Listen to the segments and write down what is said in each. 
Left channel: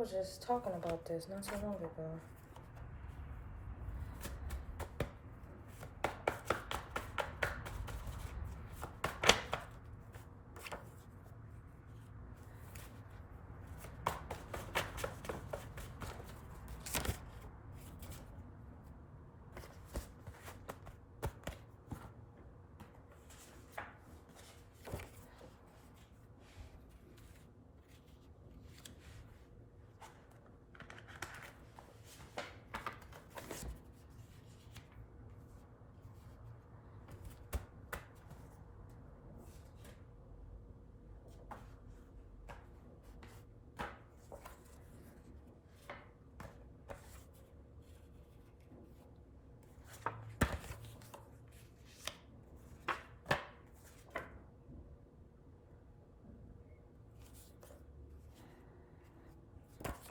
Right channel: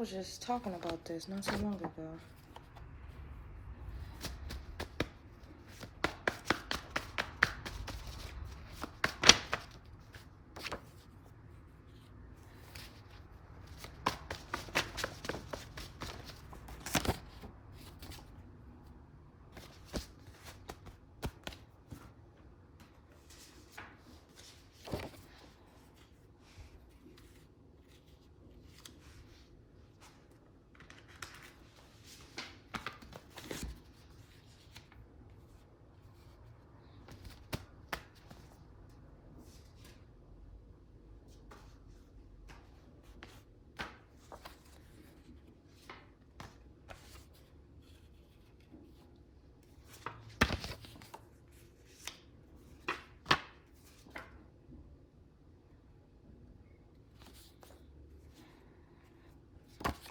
was just talking about this not so long ago.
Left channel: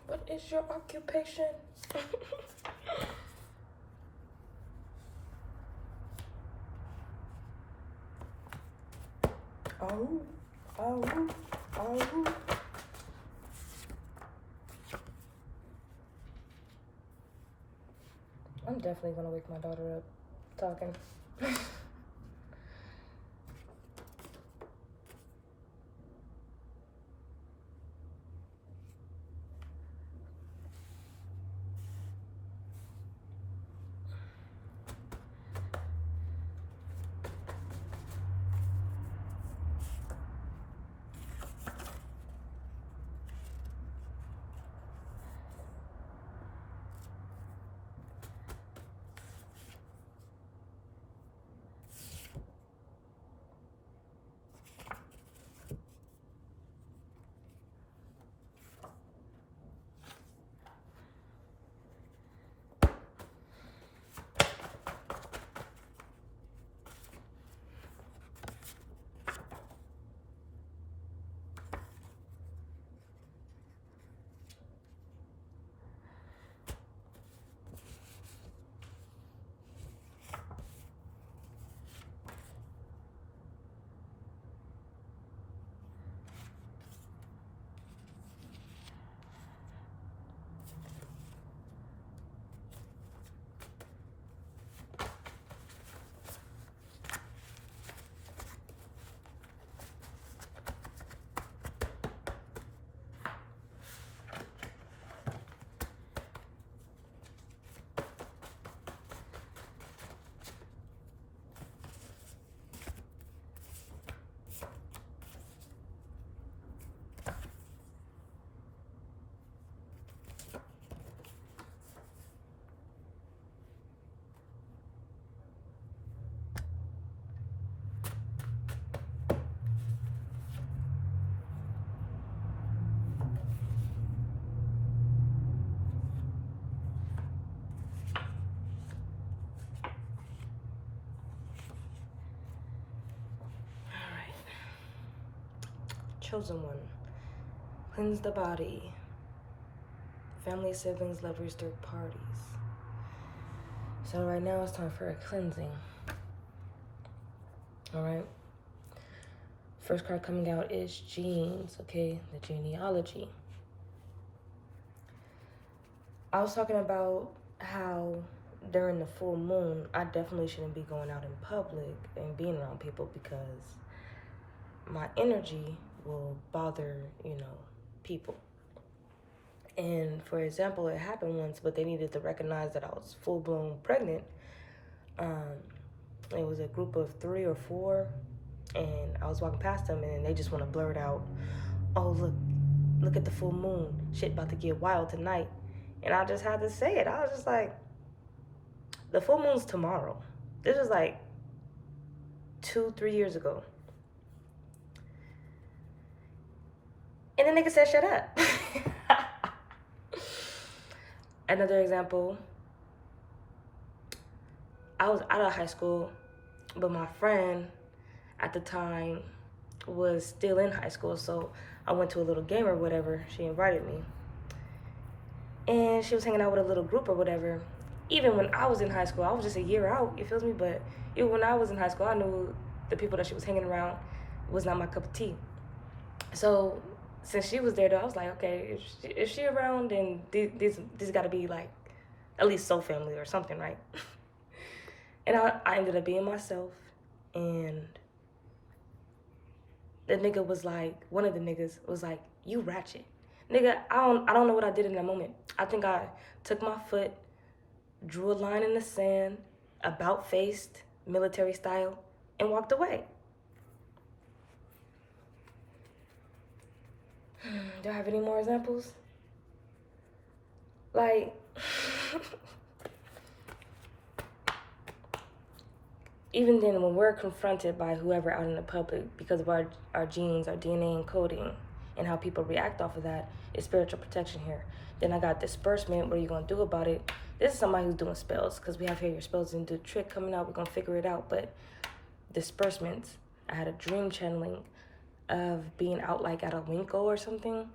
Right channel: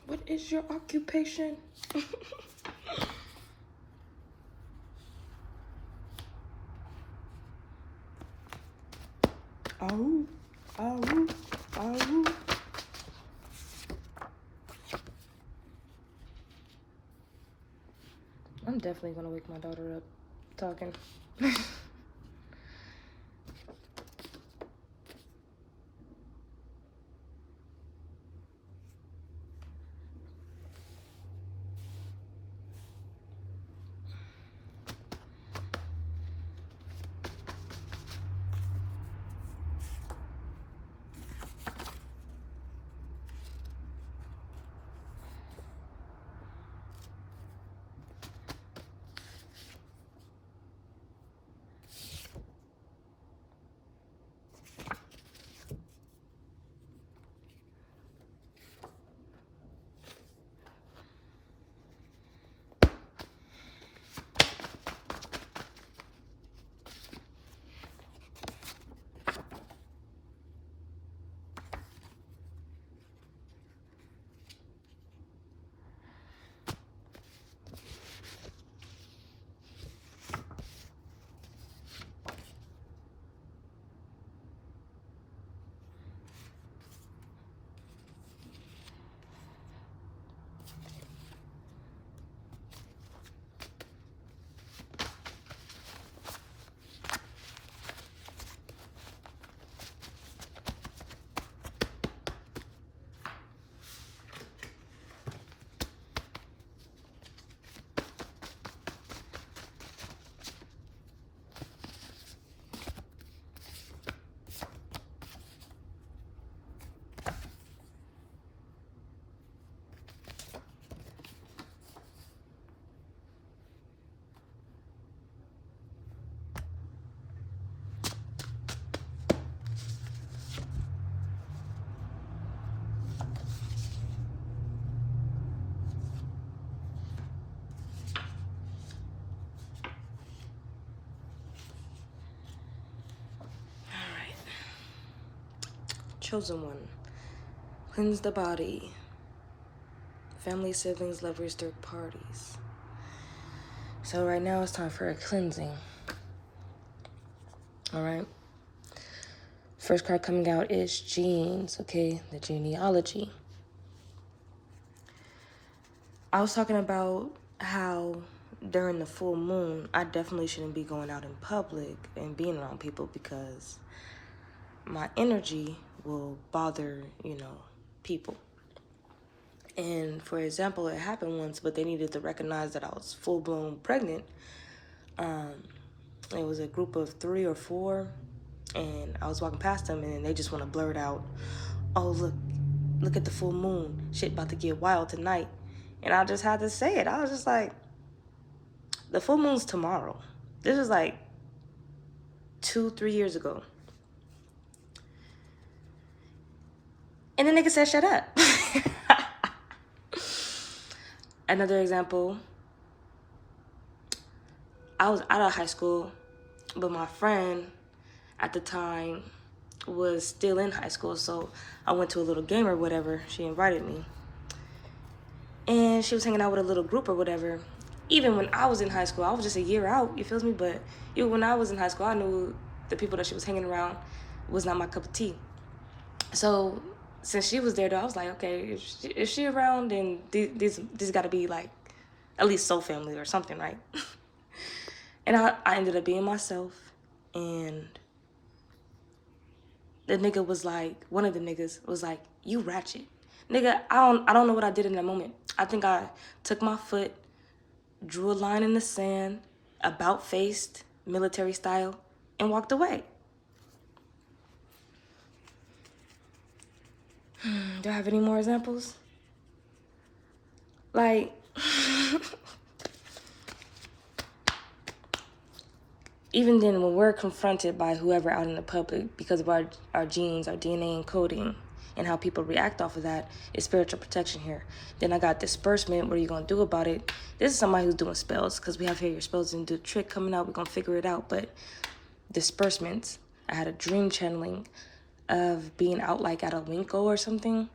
What is your occupation? Oh, oh, oh. I'm definitely gonna wake my daughter up talking. Chosen one. Cleanse the body. Family, siblings, lovers, third parties. So right now it's time for a cleansing. Alright. First card coming out is genes, okay? The genealogy. I was talking about how during the full moon, I definitely shouldn't be going out in public and being around people because my energy will bother, people. And for example, it happened once, but they needed to recognize that I was full-blown pregnant. It was a group of 3 or 4, and I was walking past them, and they just want to blurt out, "Oh, look at the full moon. Shit about to get wild tonight." And I just had to say it. I was just like, the full moon's tomorrow. This was like 2-3 years ago. And the nigga said, "Shut up." Another example, I was out of high school, but my friend at the time was still in high school, so I went to a little game or whatever. She invited me. And she was hanging out with a little group or whatever. Even when I was in high school, I was just a year out, you feel me? But even when I was in high school, I knew the people that she was hanging around was not my cup of tea. So since she was there, though, I was like, okay, if she around, then this got to be like at least soul family or something, right? And I ended up being myself, and the nigga was like, one of the niggas was like, you ratchet. Nigga, I don't know what I did in that moment. I think I took my foot, drew a line in the sand, about faced, military style, and walked away. Do I have any more examples? Like, even then, when we're confronted by whoever out in the public because of our genes, our DNA encoding, and how people react off of that, is spiritual protection here. Then I got disbursement. What are you going to do about it? This is somebody who's doing spells, because we have here your spells and do the trick coming out. We're going to figure it out. But disbursements, I had a dream channeling of being out like at a Winco or something,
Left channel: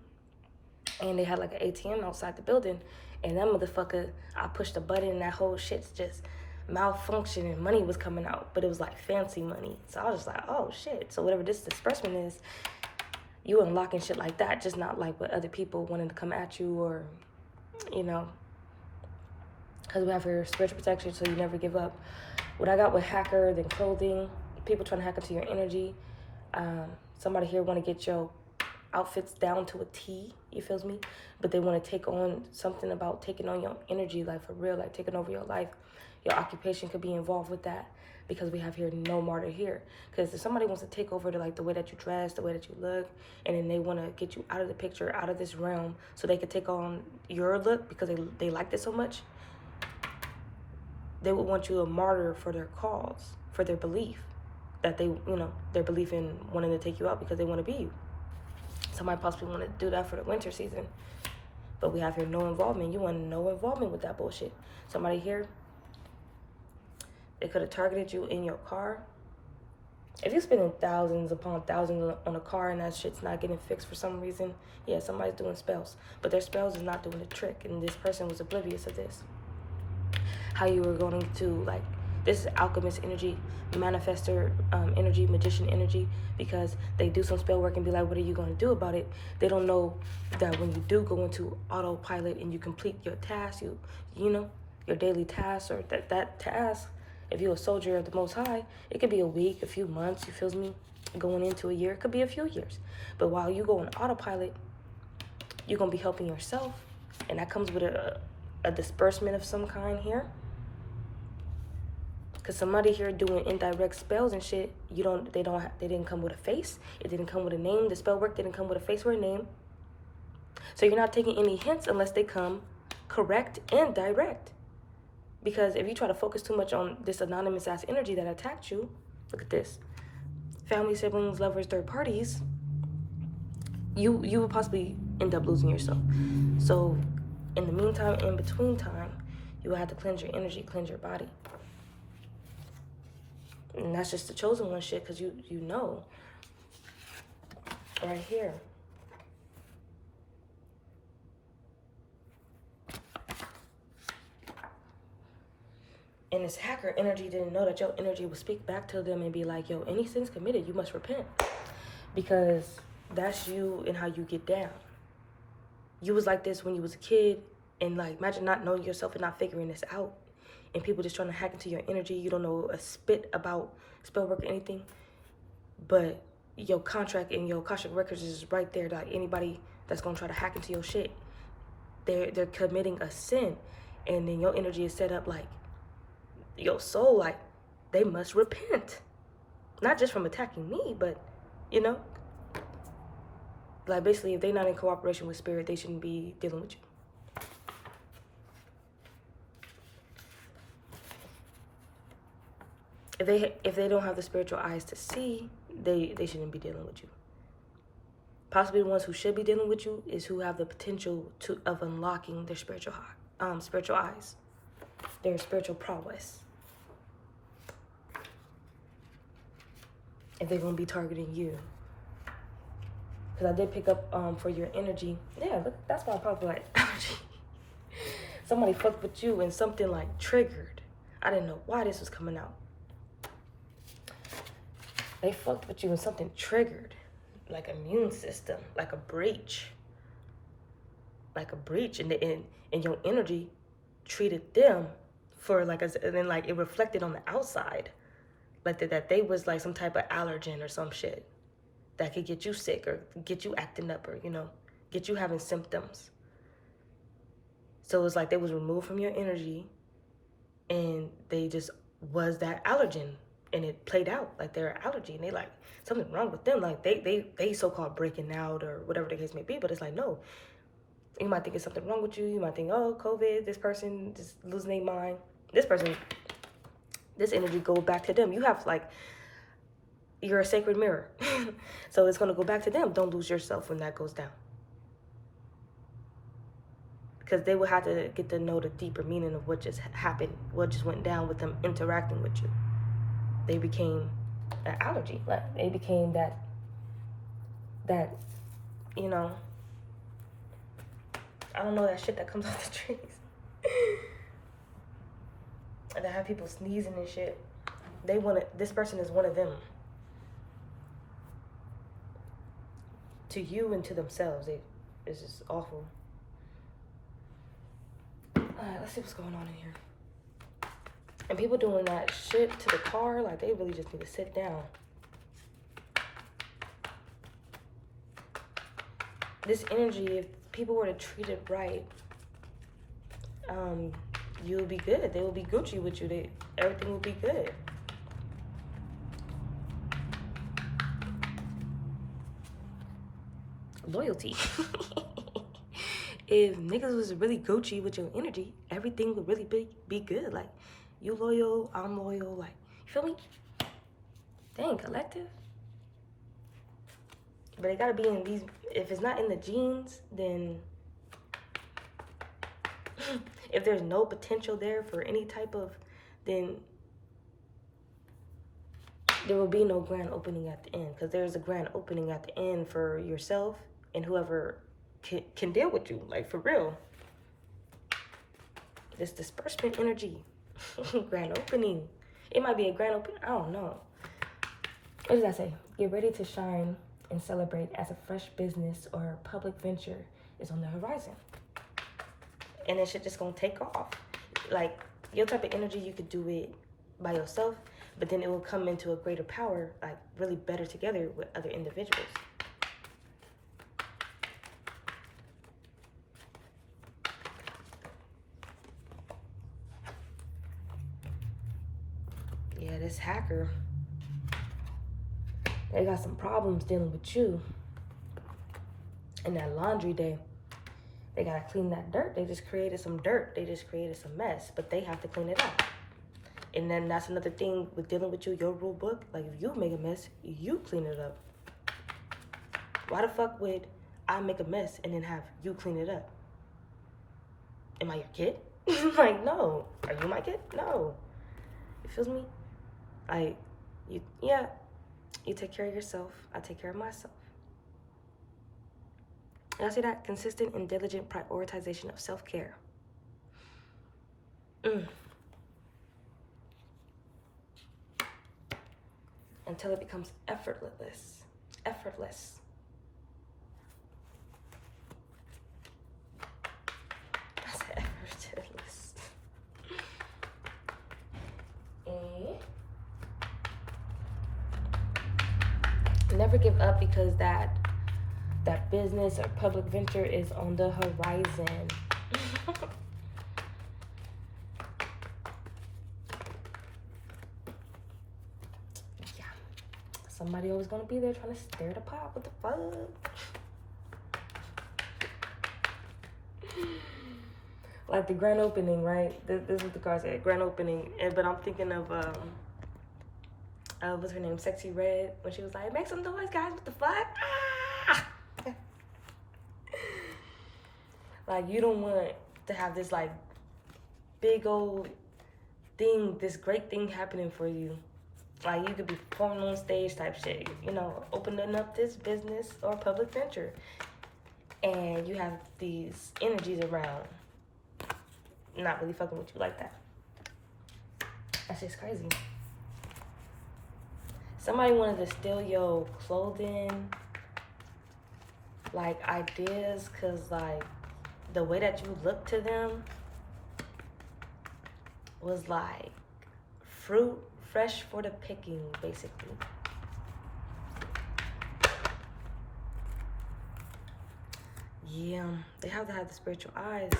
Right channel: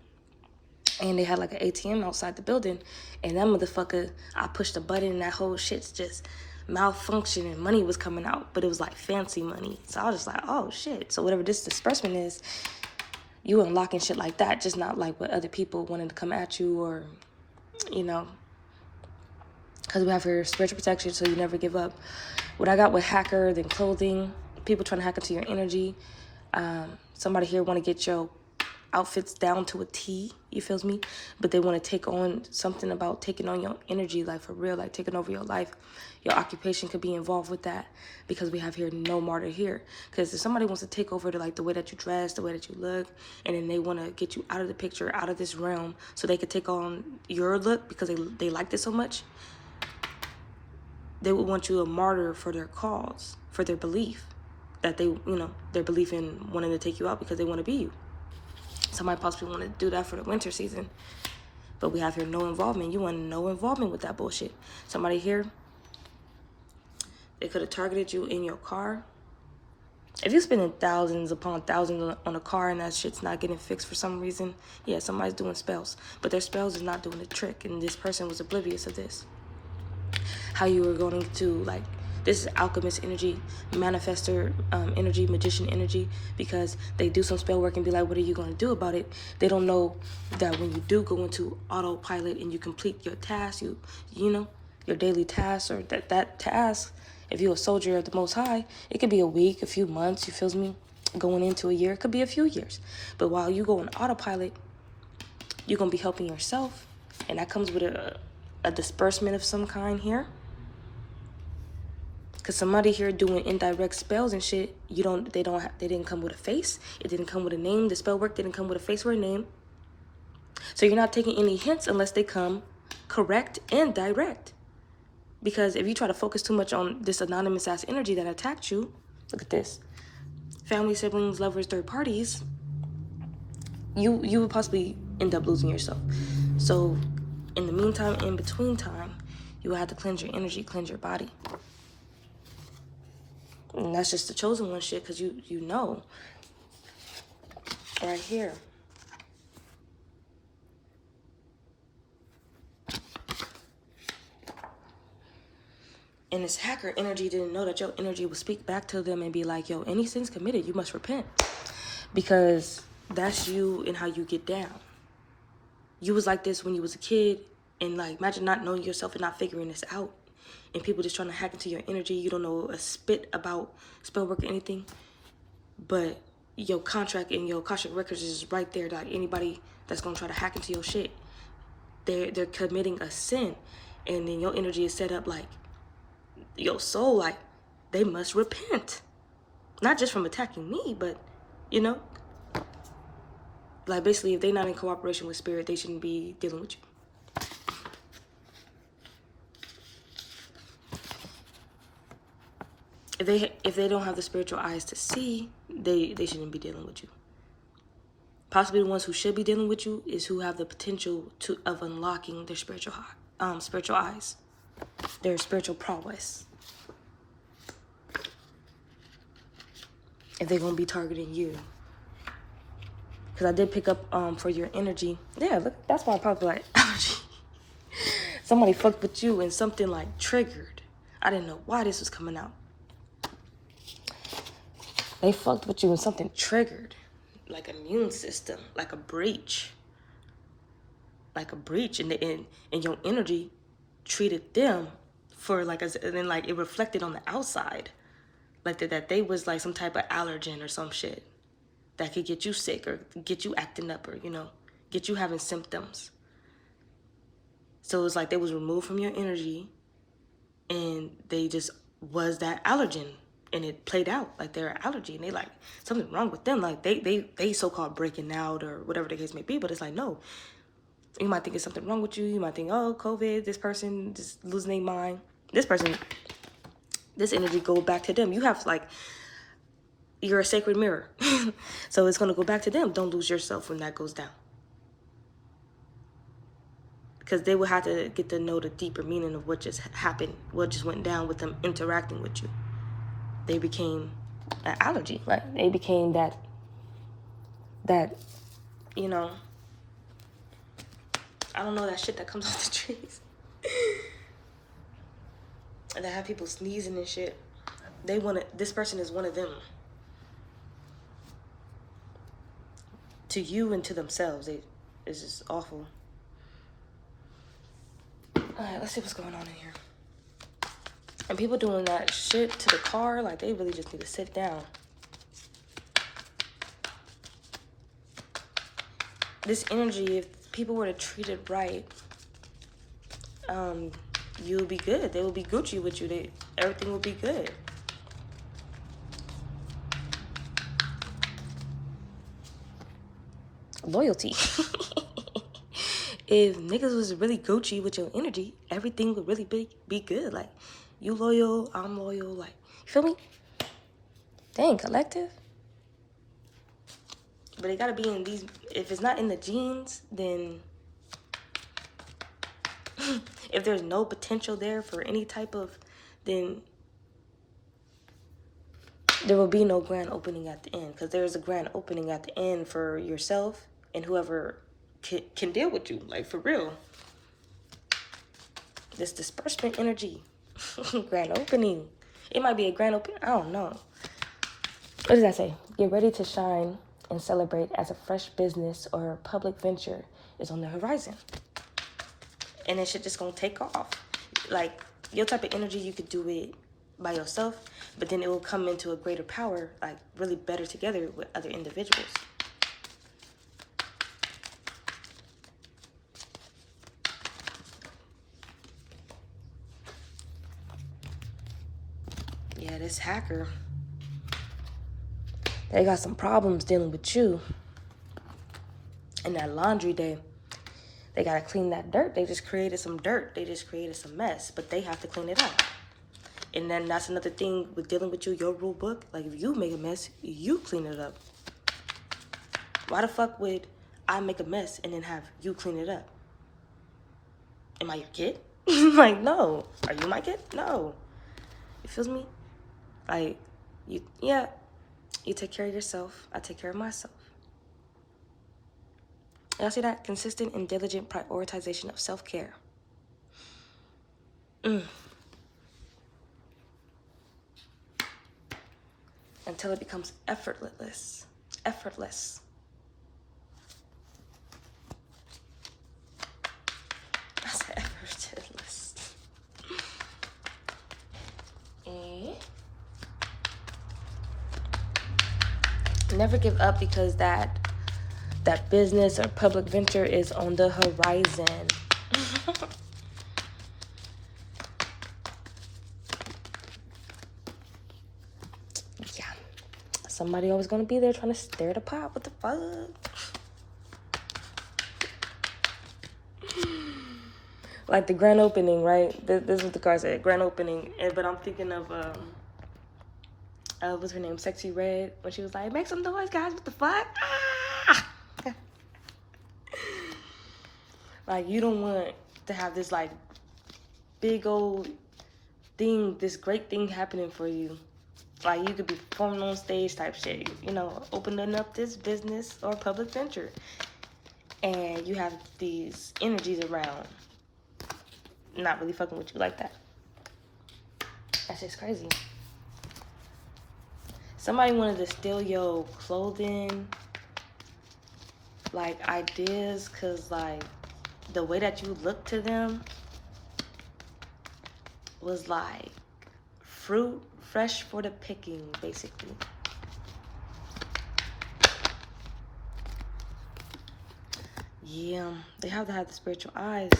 and they had like an ATM outside the building, and that motherfucker, I pushed a button and that whole shit's just malfunctioned and money was coming out, but it was like fancy money. So I was just like, oh shit. So whatever this disbursement is, you unlocking shit like that, just not like with other people wanting to come at you, or, you know, because we have your spiritual protection, so you never give up. What I got with hacker, then clothing, people trying to hack into your energy. Somebody here want to get your outfits down to a T, you feels me? But they want to take on something about taking on your energy, like for real, like taking over your life. Your occupation could be involved with that, because we have here no martyr here. Because if somebody wants to take over to like the way that you dress, the way that you look, and then they want to get you out of the picture, out of this realm, so they could take on your look because they like this so much, they would want you a martyr for their cause, for their belief, that they, you know, their belief in wanting to take you out because they want to be you. Somebody possibly want to do that for the winter season, but we have here no involvement. You want no involvement with that bullshit. Somebody here, they could have targeted you in your car. If you're spending thousands upon thousands on a car and that shit's not getting fixed for some reason, yeah, somebody's doing spells, but their spells is not doing the trick, and this person was oblivious of this. How you were going to, like, this is alchemist energy, manifester energy, magician energy, because they do some spell work and be like, what are you going to do about it? They don't know that when you do go into autopilot and you complete your task, you know, your daily tasks, or that task, if you're a soldier of the Most High, it could be a week, a few months, you feel me? Going into a year, it could be a few years. But while you go on autopilot, you're going to be helping yourself, and that comes with a disbursement of some kind here. Because somebody here doing indirect spells and shit, they didn't come with a face. It didn't come with a name. The spell work didn't come with a face or a name. So you're not taking any hints unless they come correct and direct. Because if you try to focus too much on this anonymous ass energy that attacked you, look at this. Family, siblings, lovers, third parties, you would possibly end up losing yourself. So in the meantime, in between time, you will have to cleanse your energy, cleanse your body. And that's just the chosen one shit, because you know. Right here. And this hacker energy didn't know that your energy would speak back to them and be like, yo, any sins committed, you must repent. Because that's you and how you get down. You was like this when you was a kid, and like, imagine not knowing yourself and not figuring this out. And people just trying to hack into your energy. You don't know a spit about spell work or anything. But your contract and your Akashic records is right there. Like, anybody that's going to try to hack into your shit, they're committing a sin. And then your energy is set up like, your soul, like, they must repent. Not just from attacking me, but, you know. Like, basically, if they're not in cooperation with spirit, they shouldn't be dealing with you. If they don't have the spiritual eyes to see, they shouldn't be dealing with you. Possibly the ones who should be dealing with you is who have the potential of unlocking their spiritual eyes, their spiritual prowess. If they're gonna be targeting you, because I did pick up for your energy. Yeah, look, that's why I probably like somebody fucked with you and something like triggered. I didn't know why this was coming out. They fucked with you and something triggered. like immune system, like a breach. Like a breach, and your energy treated them for like, and then like it reflected on the outside. Like that they was like some type of allergen or some shit that could get you sick or get you acting up or, get you having symptoms. So it was like they was removed from your energy and they just was that allergen, and it played out like they're an allergy, and they like something wrong with them. Like they so-called breaking out or whatever the case may be, but it's like, no, you might think it's something wrong with you. You might think, oh, COVID, this person just losing their mind. This person, this energy go back to them. You have like, you're a sacred mirror. So it's going to go back to them. Don't lose yourself when that goes down. Because they will have to get to know the deeper meaning of what just happened, what just went down with them interacting with you. They became an allergy. Like they became that, you know, I don't know, that shit that comes off the trees. And they have people sneezing and shit. This person is one of them. To you and to themselves, it's just awful. Alright, let's see what's going on in here. And people doing that shit to the car, like they really just need to sit down. This energy, if people were to treat it right, you'll be good. They will be Gucci with you. Everything will be good. Loyalty. If niggas was really Gucci with your energy, everything would really be good. Like, you loyal, I'm loyal. Like, you feel me? Dang, collective. But it gotta be in these. If it's not in the genes, then if there's no potential there for any type of, then there will be no grand opening at the end. Because there's a grand opening at the end for yourself and whoever can deal with you, like for real. This disbursement energy. Grand opening. It might be a grand opening. I don't know. What does that say? Get ready to shine and celebrate as a fresh business or public venture is on the horizon. And it shit just gonna take off. Like, your type of energy, you could do it by yourself, but then it will come into a greater power, like really better together with other individuals. Yeah, this hacker, they got some problems dealing with you. In that laundry day, they gotta clean that dirt. They just created some dirt. They just created some mess, but they have to clean it up. And then that's another thing with dealing with you, your rule book. Like, if you make a mess, you clean it up. Why the fuck would I make a mess and then have you clean it up? Am I your kid? Like, no. Are you my kid? No. You feel me? Like, you take care of yourself. I take care of myself. Y'all see that? Consistent and diligent prioritization of self-care. Until it becomes effortless. Effortless. I said effortless. Never give up, because that business or public venture is on the horizon. Yeah. Somebody always gonna be there trying to stir the pot. What the fuck? Like the grand opening, right? This is what the card said, grand opening. But I'm thinking of what's her name? Sexy Red, when she was like, make some noise, guys, what the fuck? Ah! Like, you don't want to have this like big old thing, this great thing happening for you. Like, you could be performing on stage type shit, opening up this business or public venture. And you have these energies around not really fucking with you like that. That's just crazy. Somebody wanted to steal your clothing, like ideas, because like the way that you look to them was like fruit fresh for the picking, basically. Yeah, they have to have the spiritual eyes.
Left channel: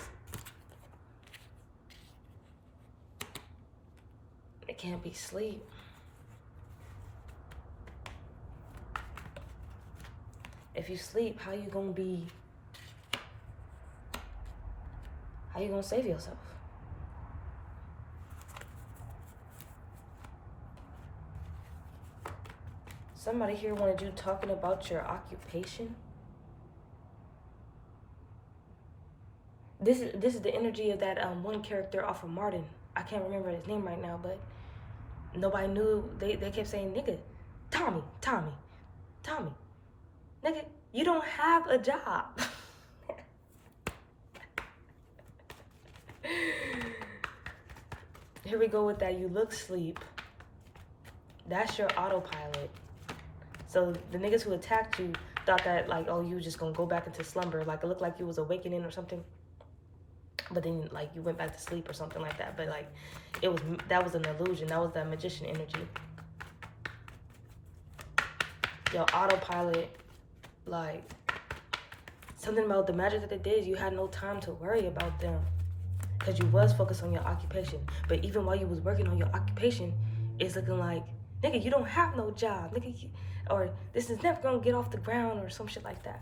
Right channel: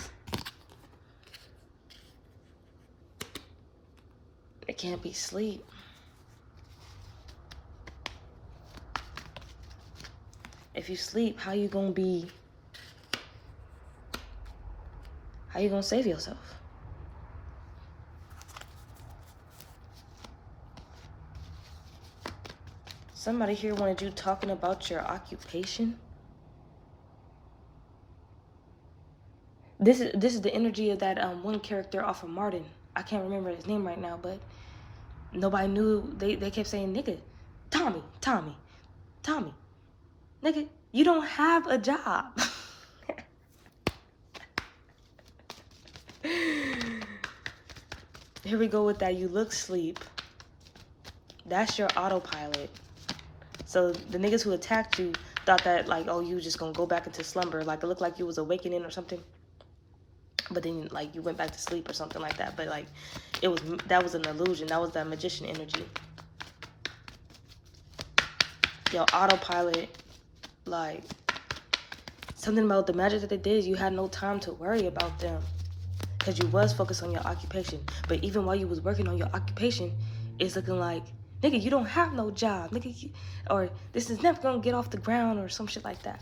It can't be sleep. If you sleep, how you gonna save yourself? Somebody here wanted you talking about your occupation. This is the energy of that one character off of Martin. I can't remember his name right now, but nobody knew. They kept saying, nigga, Tommy, nigga, you don't have a job. Here we go with that. You look sleep. That's your autopilot. So the niggas who attacked you thought that like, oh, you was just gonna go back into slumber. Like it looked like you was awakening or something. But then like you went back to sleep or something like that. But like that was an illusion. That was that magician energy. Your autopilot, like something about the magic that they did is you had no time to worry about them. Because you was focused on your occupation. But even while you was working on your occupation, it's looking like, nigga, you don't have no job. Nigga, or this is never gonna get off the ground or some shit like that.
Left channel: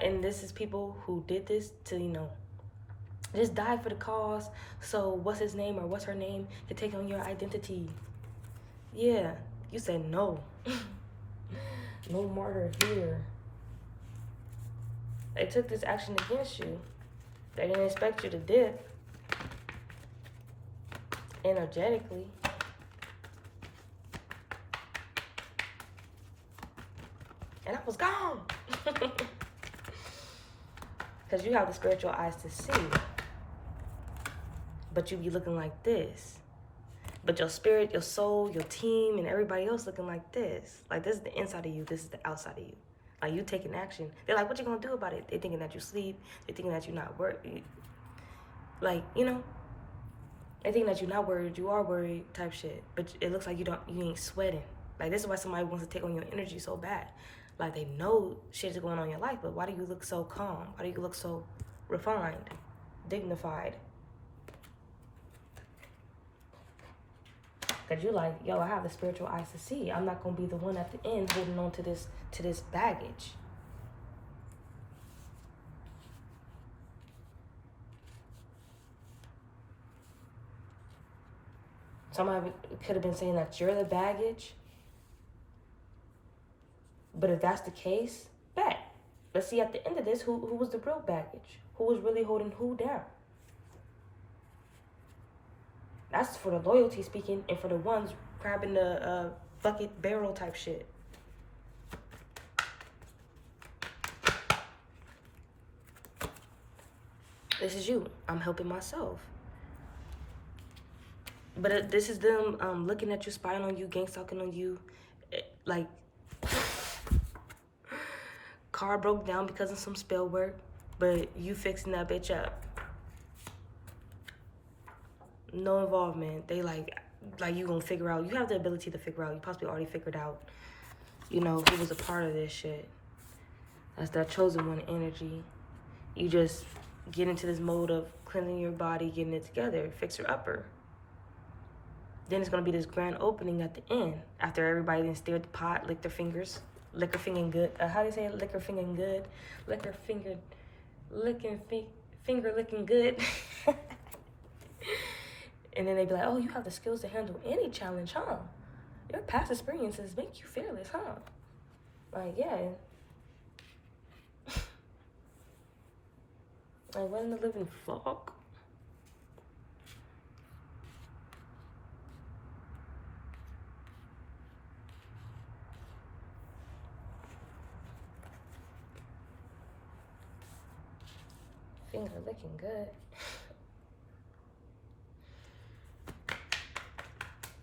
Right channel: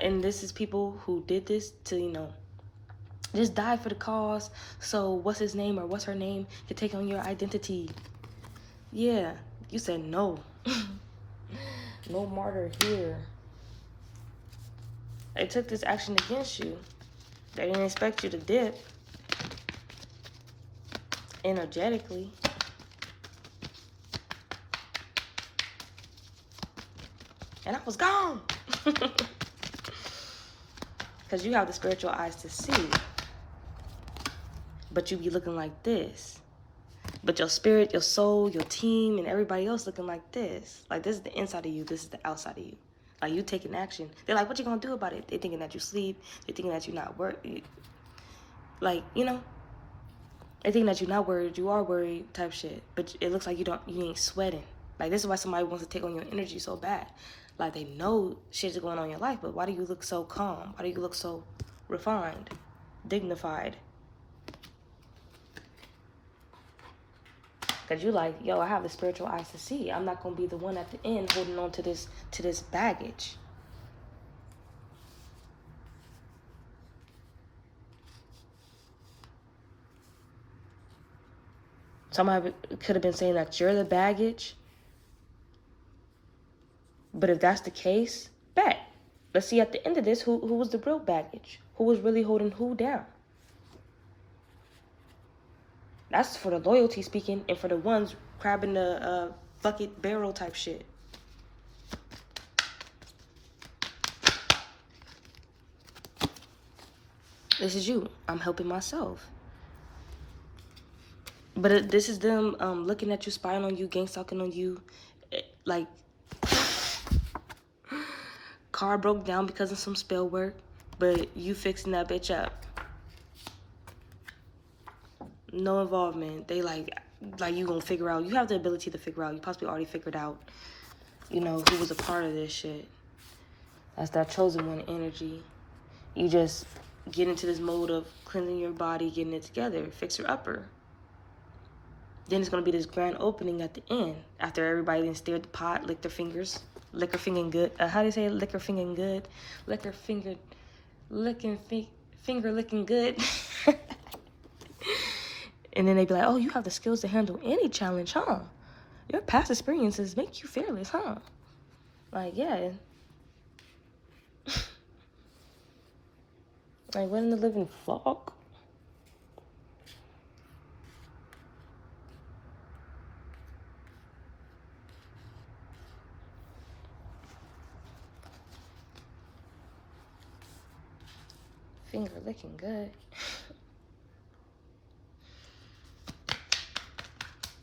And this is people who did this to, you know, just die for the cause. So what's his name or what's her name can take on your identity. Yeah, you said no. No martyr here. They took this action against you. They didn't expect you to dip energetically. And I was gone. Because you have the spiritual eyes to see. But you be looking like this. But your spirit, your soul, your team, and everybody else looking like this. Like this is the inside of you, this is the outside of you. Like you taking action. They're like, what you gonna do about it? They thinking that you sleep. They thinking that you're not worried. Like, you know, they thinking that you're not worried. You are worried type shit. But it looks like you ain't sweating. Like this is why somebody wants to take on your energy so bad. Like they know shit's going on in your life, but why do you look so calm? Why do you look so refined, dignified? Cause you like, yo, I have the spiritual eyes to see. I'm not gonna be the one at the end holding on to this baggage. Somebody could have been saying that you're the baggage. But if that's the case, bet. Let's see at the end of this who was the real baggage. Who was really holding who down. That's for the loyalty speaking and for the ones grabbing the bucket barrel type shit. This is you. I'm helping myself. But this is them looking at you, spying on you, gang stalking on you. Like, car broke down because of some spell work, but you fixing that bitch up. No involvement. They like you gonna figure out. You have the ability to figure out. You possibly already figured out, you know, who was a part of this shit. That's that chosen one energy. You just get into this mode of cleansing your body, getting it together, fixer upper. Then it's gonna be this grand opening at the end after everybody then stir the pot, lick their fingers, liquor fingering good. How do you say liquor fingering good? Liquor fingered, finger licking good. And then they be like, oh, you have the skills to handle any challenge, huh? Your past experiences make you fearless, huh? Like, yeah. Like, what in the living fuck? Finger licking good.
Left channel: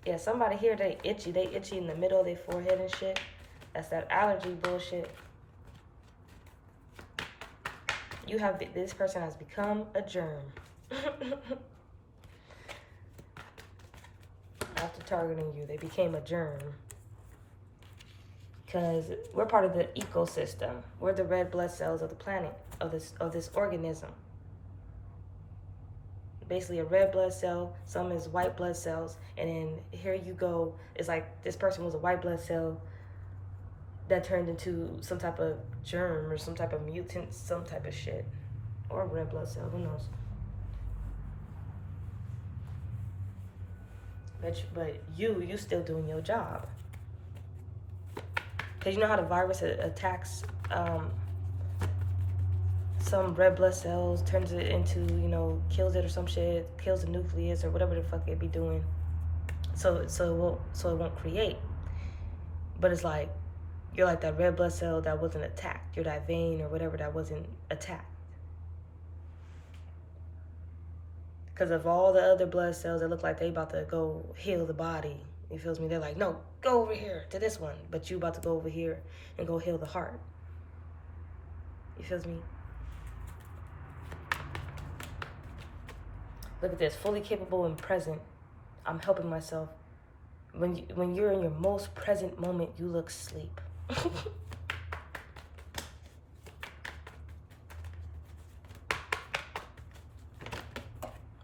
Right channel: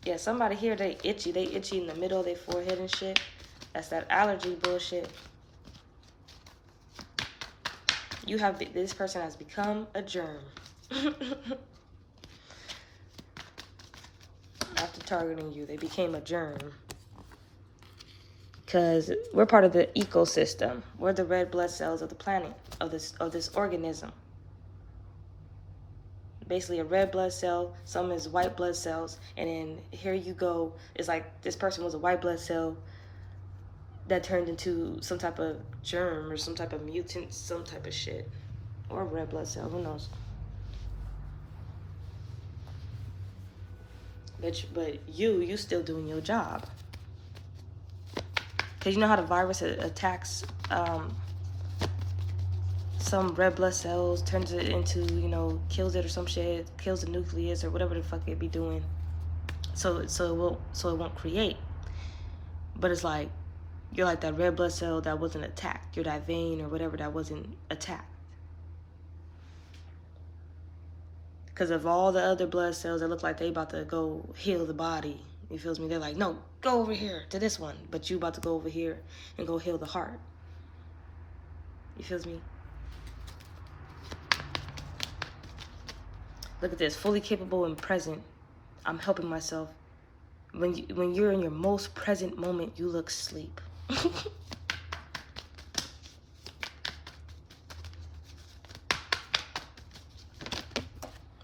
Yeah, somebody here, they itchy in the middle of their forehead and shit. That's that allergy bullshit. This person has become a germ. After targeting you, they became a germ. Because we're part of the ecosystem. We're the red blood cells of the planet, of this organism. Basically a red blood cell, some is white blood cells, and then here you go, it's like this person was a white blood cell that turned into some type of germ or some type of mutant, some type of shit. Or red blood cell, who knows? But you still doing your job. Because you know how the virus attacks some red blood cells, turns it into, kills it or some shit, kills the nucleus or whatever the fuck it be doing. So it won't create. But it's like, you're like that red blood cell that wasn't attacked. You're that vein or whatever that wasn't attacked. Because of all the other blood cells that look like they about to go heal the body. You feels me? They're like, no, go over here to this one. But you about to go over here and go heal the heart. You feels me? Look at this, fully capable and present. I'm helping myself. When you're in your most present moment, you look sleep.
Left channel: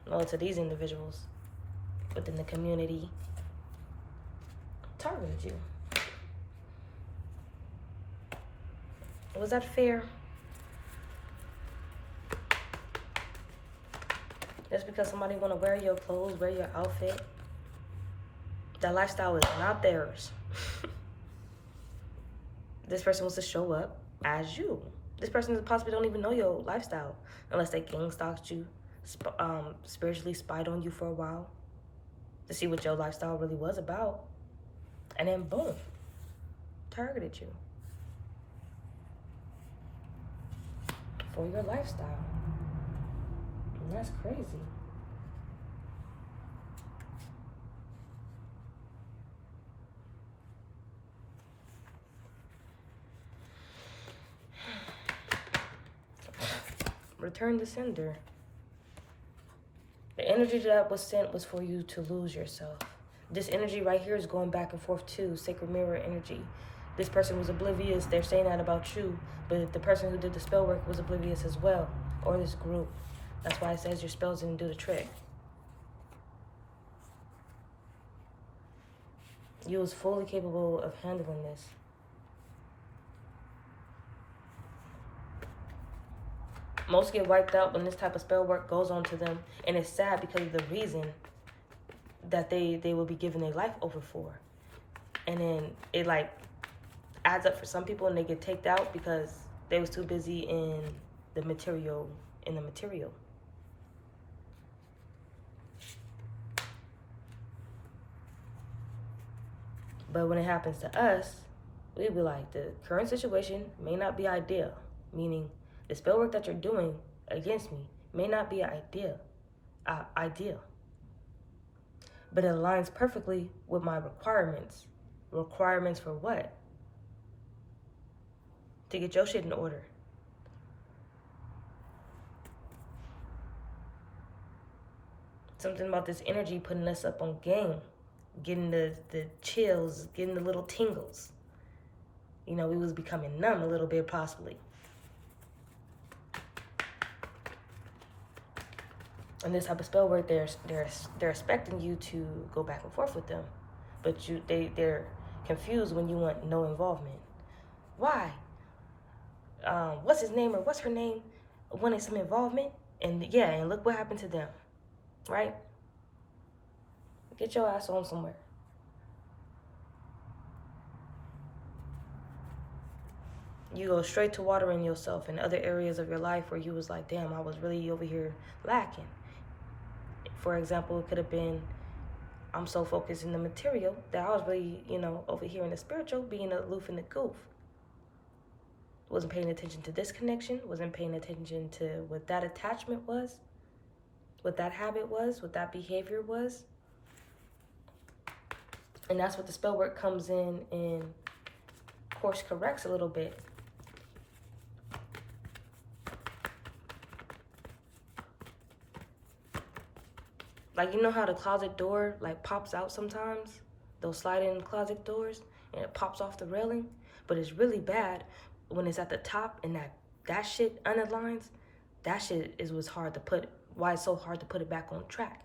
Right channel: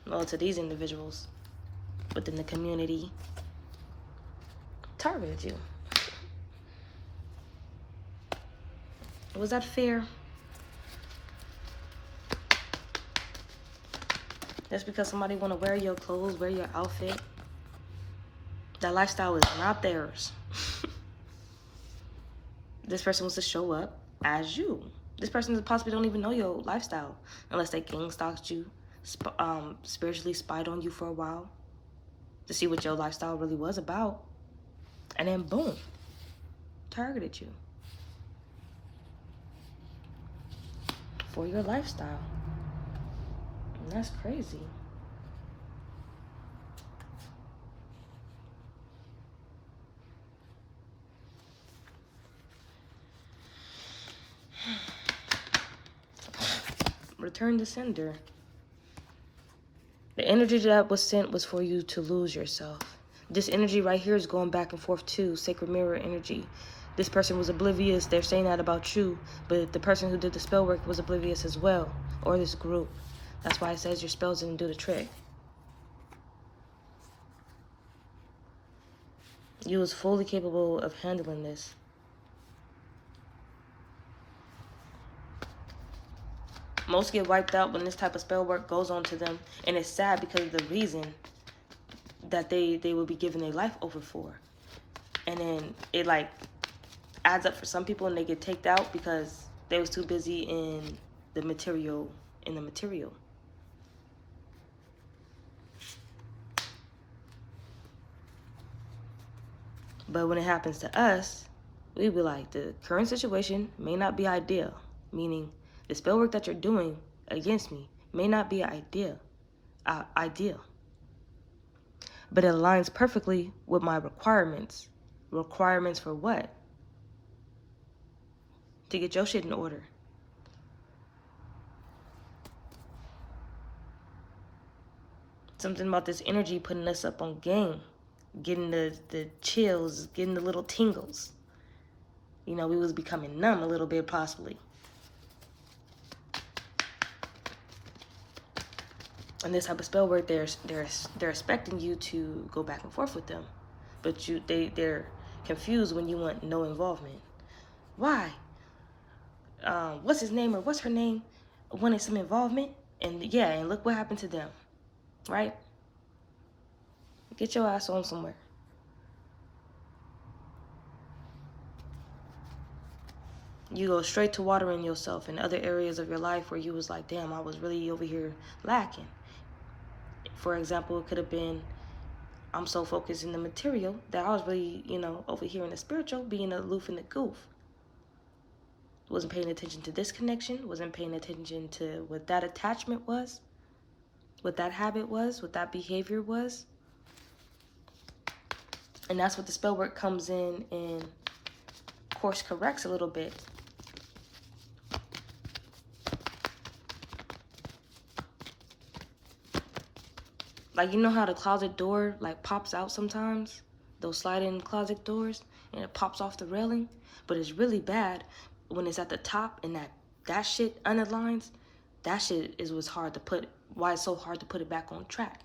Well, to these individuals within the community, targeted you. Was that fair? Just because somebody want to wear your clothes, wear your outfit, that lifestyle is not theirs. This person wants to show up as you. This person possibly don't even know your lifestyle unless they gang stalked you, spiritually spied on you for a while to see what your lifestyle really was about. And then boom, targeted you for your lifestyle. And that's crazy. Return to sender. The energy that was sent was for you to lose yourself. This energy right here is going back and forth too. Sacred mirror energy. This person was oblivious. They're saying that about you. But the person who did the spell work was oblivious as well. Or this group. That's why it says your spells didn't do the trick. You was fully capable of handling this. Most get wiped out when this type of spell work goes on to them. And it's sad because of the reason that they will be giving their life over for. And then it like adds up for some people and they get taken out because they was too busy in the material. But when it happens to us, we be like, the current situation may not be ideal. Meaning, the spell work that you're doing against me may not be ideal. But it aligns perfectly with my requirements. Requirements for what? To get your shit in order. Something about this energy putting us up on game. Getting the chills, getting the little tingles. We was becoming numb a little bit possibly. And this type of spell work, they're expecting you to go back and forth with them, but they're confused when you want no involvement. Why? What's his name or what's her name wanted some involvement, and look what happened to them, right? Get your ass on somewhere. You go straight to watering yourself in other areas of your life where you was like, damn, I was really over here lacking. For example, it could have been, I'm so focused in the material that I was really, over here in the spiritual, being aloof in the goof. Wasn't paying attention to this connection, wasn't paying attention to what that attachment was, what that habit was, what that behavior was. And that's what the spell work comes in and course corrects a little bit. Like, you know how the closet door, like, pops out sometimes? Those sliding closet doors, and it pops off the railing? But it's really bad when it's at the top and that shit unaligns. That shit is what's hard to put, why it's so hard to put it back on track.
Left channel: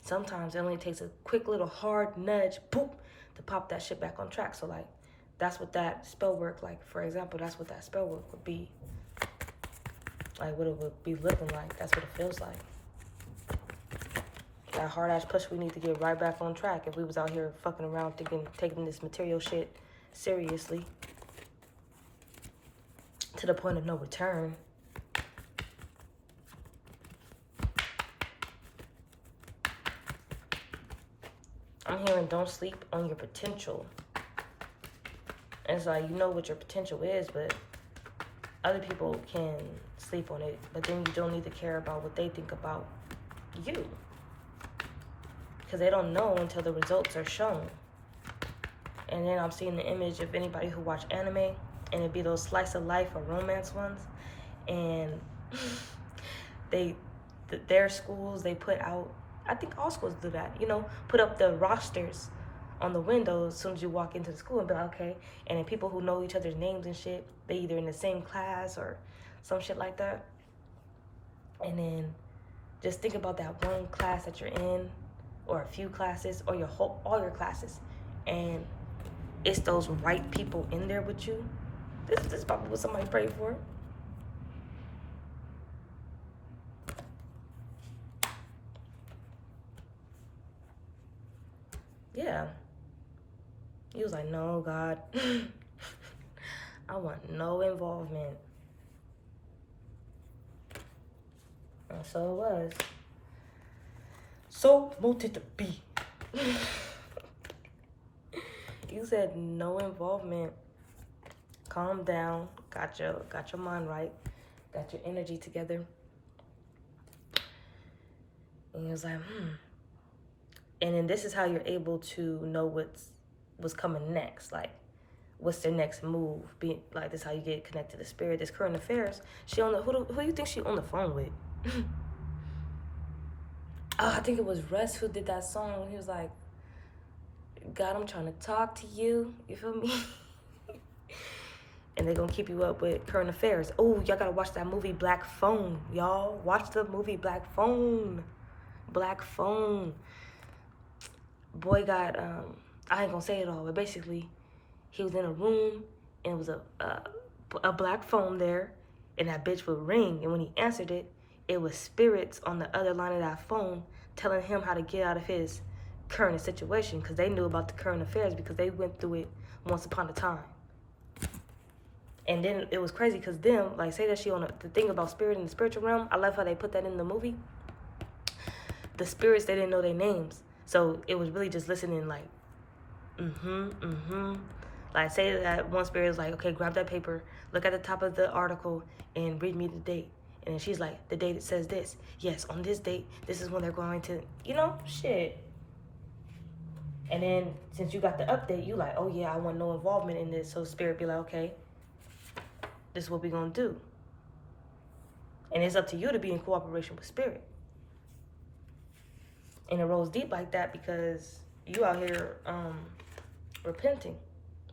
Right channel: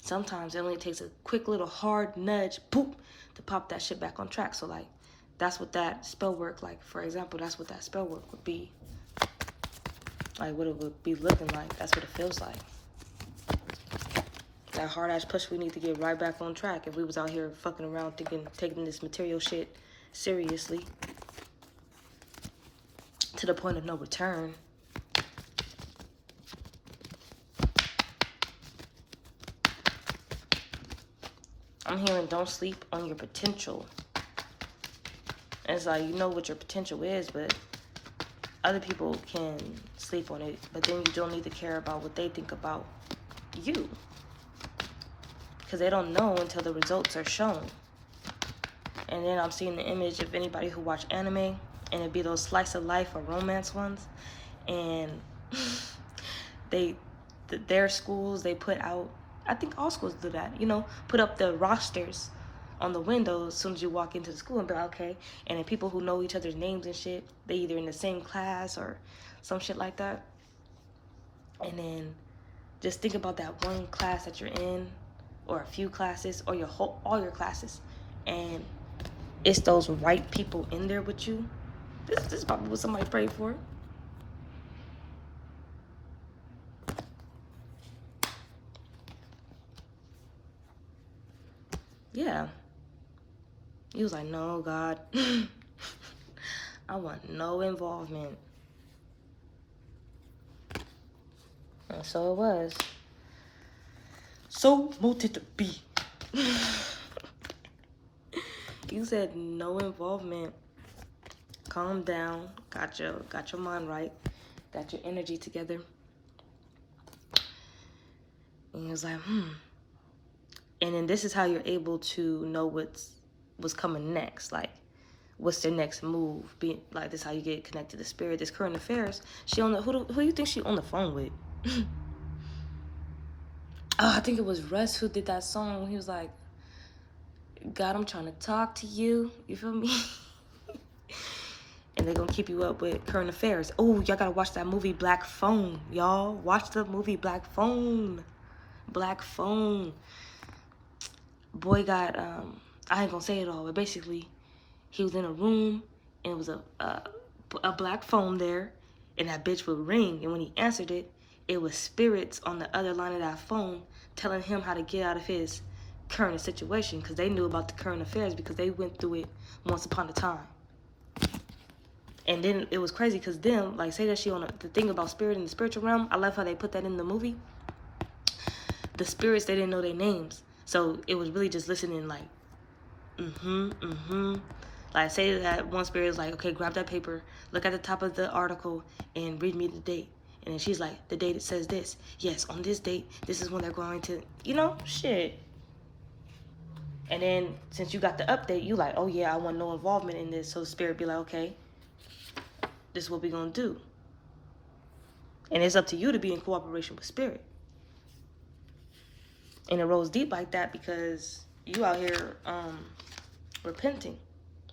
Sometimes it only takes a quick little hard nudge, boop, to pop that shit back on track. So, like, that's what that spell work, like, for example, that's what that spell work would be. Like, what it would be looking like. That's what it feels like. That hard ass push, we need to get right back on track if we was out here fucking around thinking, taking this material shit seriously to the point of no return. I'm hearing don't sleep on your potential. And it's like, you know what your potential is, but other people can sleep on it, but then you don't need to care about what they think about you. Because they don't know until the results are shown. And then I'm seeing the image of anybody who watch anime, and it'd be those slice of life or romance ones. And their schools, they put out, I think all schools do that, you know, put up the rosters on the windows as soon as you walk into the school and be like, okay. And then people who know each other's names and shit, they either in the same class or some shit like that. And then just think about that one class that you're in, or a few classes, or all your classes, and it's those right people in there with you. This is probably what somebody prayed for. Yeah. He was like, no, God. I want no involvement. And so it was. So wanted to be. You said no involvement. Calm down. Got your mind right. Got your energy together. And he was like, And then this is how you're able to know what's coming next. Like, what's their next move? Like, this is how you get connected to spirit. This current affairs. She on the who do you think she on the phone with? Oh, I think it was Russ who did that song. He was like, God, I'm trying to talk to you. You feel me? And they're going to keep you up with current affairs. Oh, y'all got to watch that movie Black Phone, y'all. Watch the movie Black Phone. Black Phone. Boy got, I ain't going to say it all, but basically, he was in a room, and it was a black phone there, and that bitch would ring. And when he answered it, it was spirits on the other line of that phone telling him how to get out of his current situation, because they knew about the current affairs because they went through it once upon a time. And then it was crazy because them, like, say that she on the thing about spirit in the spiritual realm. I love how they put that in the movie. The spirits, they didn't know their names. So it was really just listening like, Like, say that one spirit is like, okay, grab that paper, look at the top of the article, and read me the date. And then she's like, the date it says this. Yes, on this date, this is when they're going to, you know, shit. And then since you got the update, you like, oh yeah, I want no involvement in this. So spirit be like, okay, this is what we gonna do. And it's up to you to be in cooperation with spirit. And it rolls deep like that because you out here repenting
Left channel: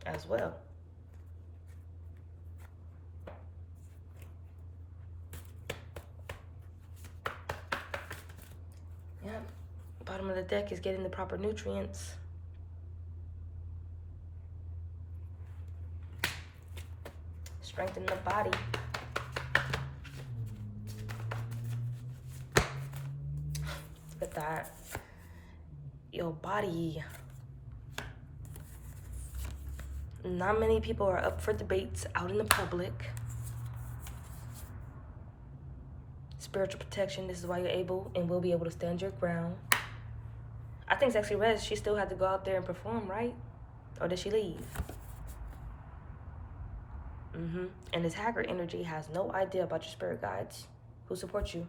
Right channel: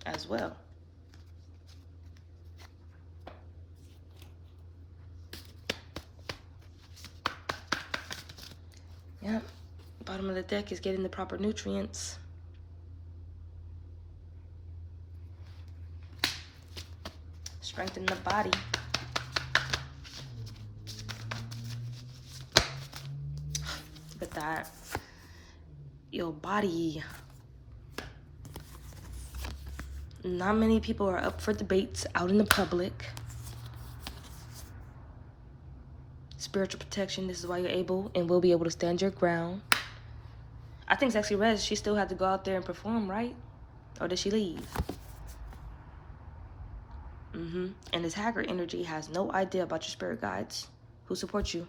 as well. Yeah, bottom of the deck is getting the proper nutrients. Strengthen the body. Look at that. Your body. Not many people are up for debates out in the public. Spiritual protection, this is why you're able and will be able to stand your ground. I think Sexy Red, she still had to go out there and perform, right? Or did she leave? And this hacker energy has no idea about your spirit guides who support you.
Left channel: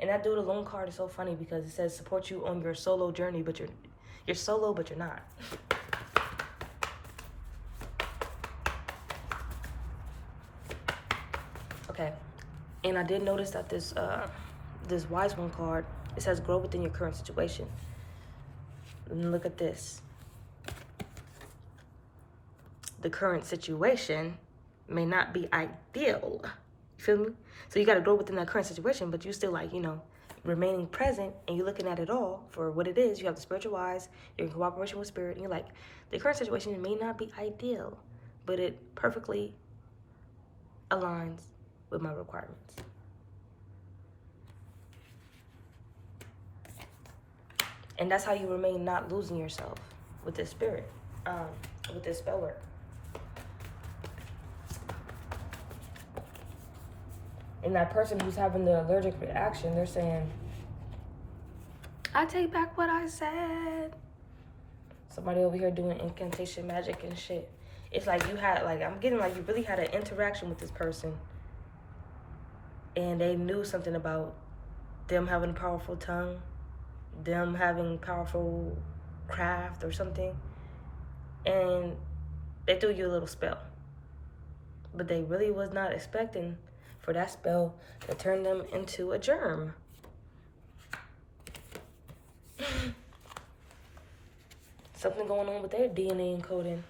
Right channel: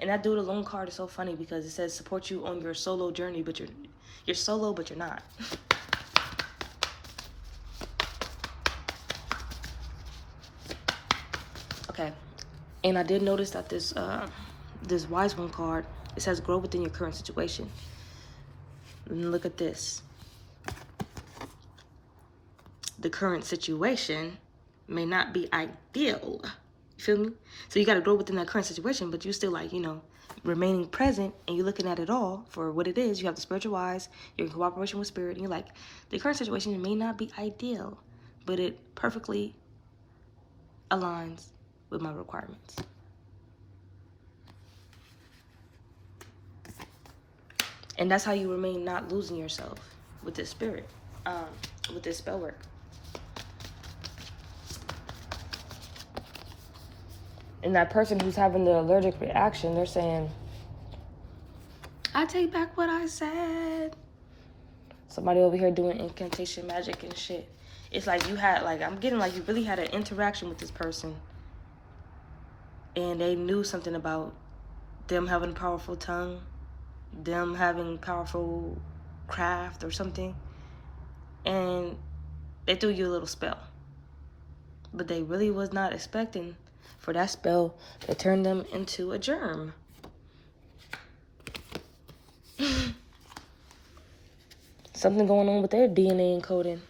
And that dude alone card is so funny because it says support you on your solo journey, but you're solo, but you're not. And I did notice that this wise one card, it says grow within your current situation. And look at this. The current situation may not be ideal. You feel me? So you got to grow within that current situation, but you still like, you know, remaining present, and you're looking at it all for what it is. You have the spiritual eyes, you're in cooperation with spirit, and you're like, the current situation may not be ideal, but it perfectly aligns with my requirements. And that's how you remain not losing yourself with this spirit, with this spell work. And that person who's having the allergic reaction, they're saying, I take back what I said. Somebody over here doing incantation magic and shit. It's like you had, like, I'm getting like you really had an interaction with this person. And they knew something about them having a powerful tongue, them having powerful craft or something. And they threw you a little spell. But they really was not expecting for that spell to turn them into a germ. Something going on with their DNA encoding.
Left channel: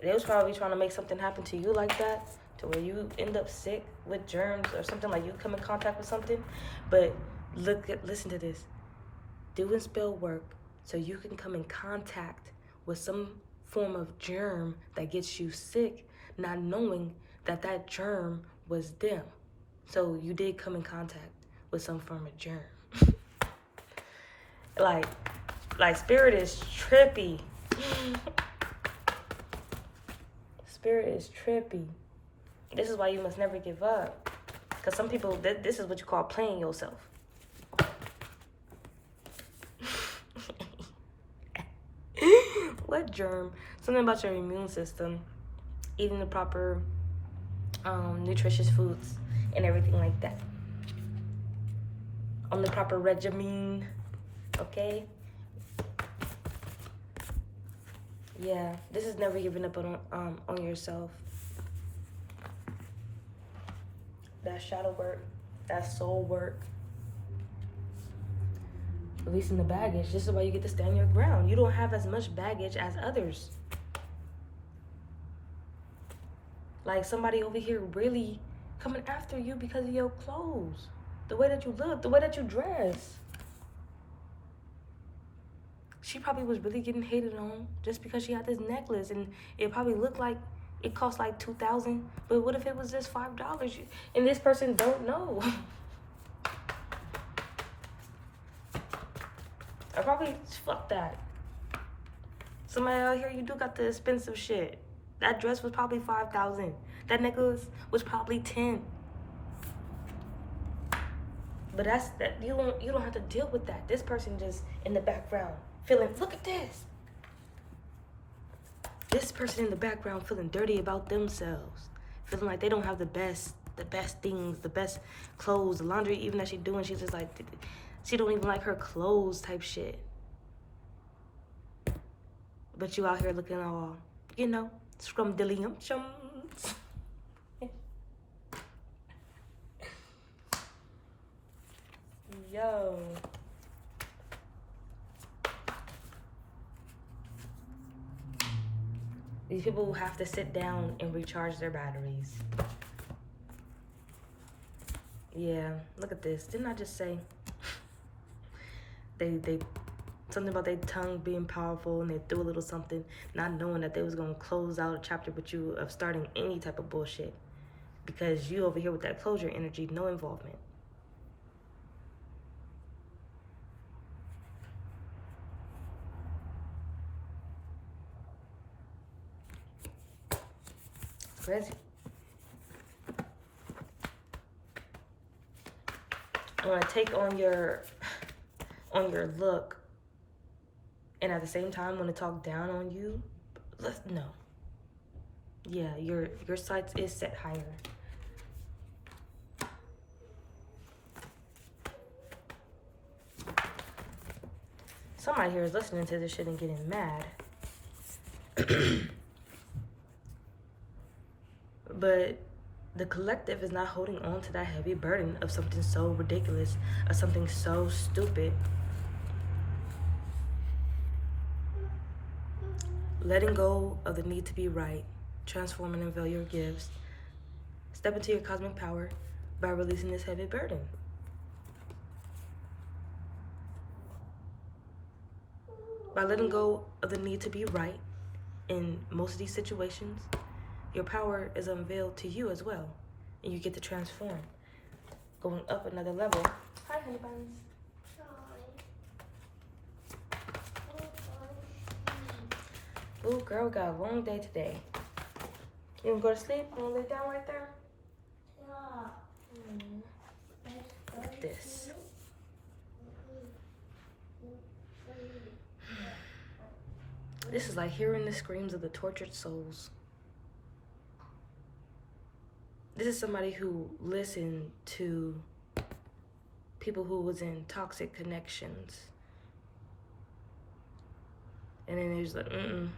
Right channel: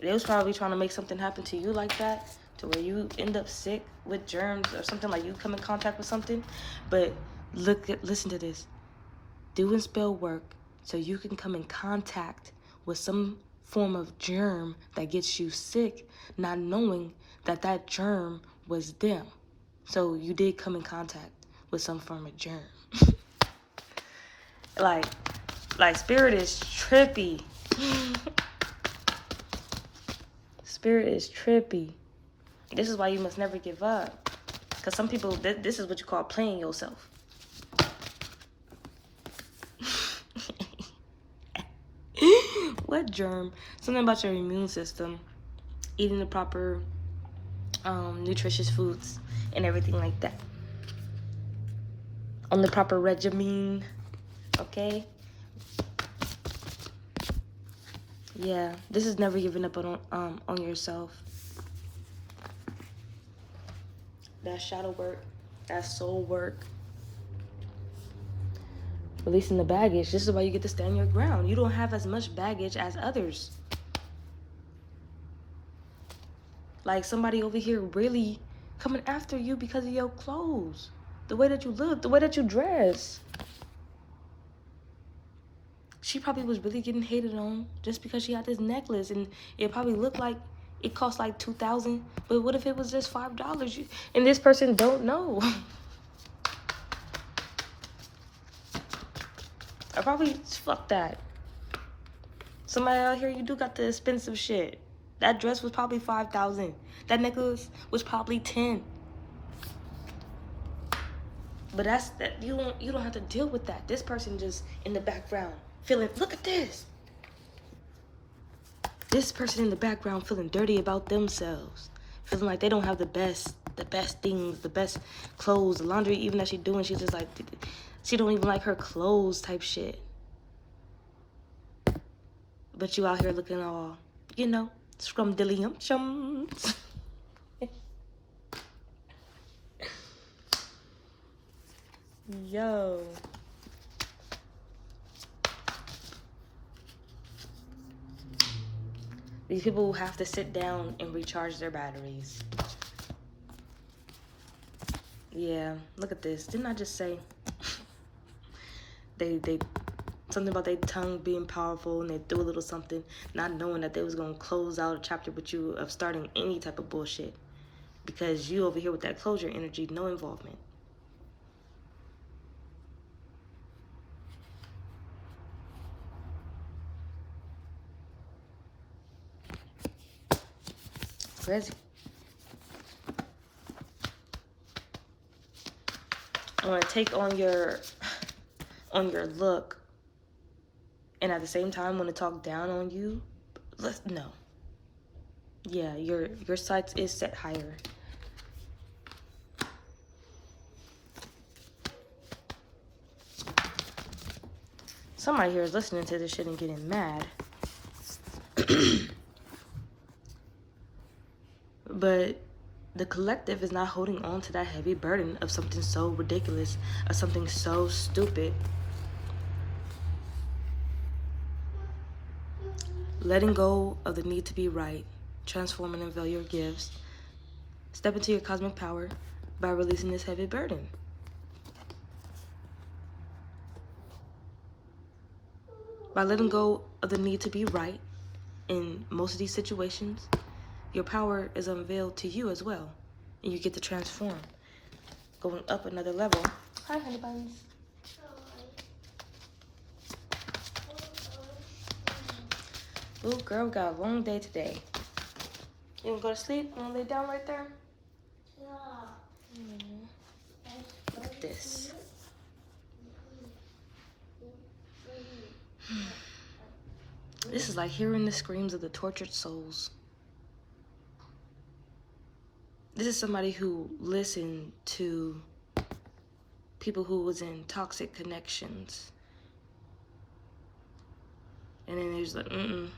They was probably trying to make something happen to you like that, to where you end up sick with germs or something, like you come in contact with something. But listen to this. Doing spell work so you can come in contact with some form of germ that gets you sick, not knowing that that germ was them. So you did come in contact with some form of germ. like spirit is trippy. Spirit is trippy. This is why you must never give up. Because some people, this is what you call playing yourself. What germ? Something about your immune system. Eating the proper nutritious foods and everything like that. On the proper regimen. Okay? Yeah, this is never giving up on yourself. That shadow work, that soul work. Releasing the baggage. This is why you get to stand your ground. You don't have as much baggage as others. Like somebody over here really coming after you because of your clothes. The way that you look, the way that you dress. She probably was really getting hated on just because she had this necklace, and it probably looked like it cost like $2,000. But what if it was just $5? And this person don't know. I probably fuck that. Somebody out here, you do got the expensive shit. That dress was probably $5,000. That necklace was probably $10,000. But that's that. You don't have to deal with that. This person just in the background feeling. Look at this. This person in the background feeling dirty about themselves, feeling like they don't have the best things, the best clothes, the laundry even that she's doing. She's just like, she don't even like her clothes type shit. But you out here looking all, you know, scrumdiddlyumptious. Yo. These people have to sit down and recharge their batteries. Yeah, look at this. Didn't I just say they something about their tongue being powerful, and they threw a little something, not knowing that they was gonna close out a chapter with you of starting any type of bullshit. Because you over here with that closure energy, no involvement. Crazy. I want to take on your look, and at the same time want to talk down on you. No. Yeah, your sights is set higher. Somebody here is listening to this shit and getting mad. But the collective is not holding on to that heavy burden of something so ridiculous, of something so stupid. Letting go of the need to be right, transform and unveil your gifts. Step into your cosmic power by releasing this heavy burden. By letting go of the need to be right in most of these situations, your power is unveiled to you as well. And you get to transform, going up another level. Hi, honey buns. Ooh, girl, we got a long day today. You wanna go to sleep? You wanna lay down right there? Yeah. Look at this. This is like hearing the screams of the tortured souls. This is somebody who listened to people who was in toxic connections. And then there's like,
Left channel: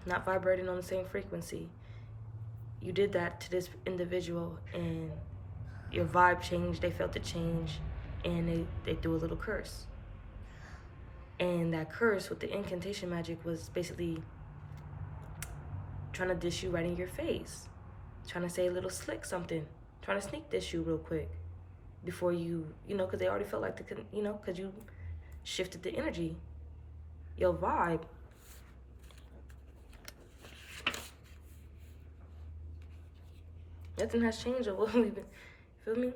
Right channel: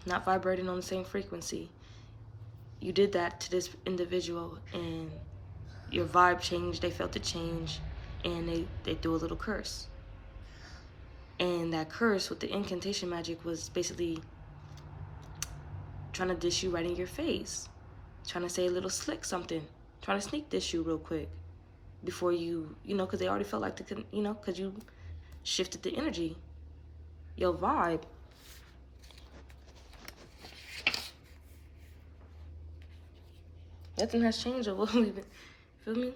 not vibrating on the same frequency. You did that to this individual and your vibe changed, they felt it change, and they threw a little curse. And that curse with the incantation magic was basically trying to dish you right in your face. Trying to say a little slick something. Trying to sneak dish you real quick. Before you know, because they already felt like, because you shifted the energy. Your vibe. Nothing has changed with what we've been, feel me?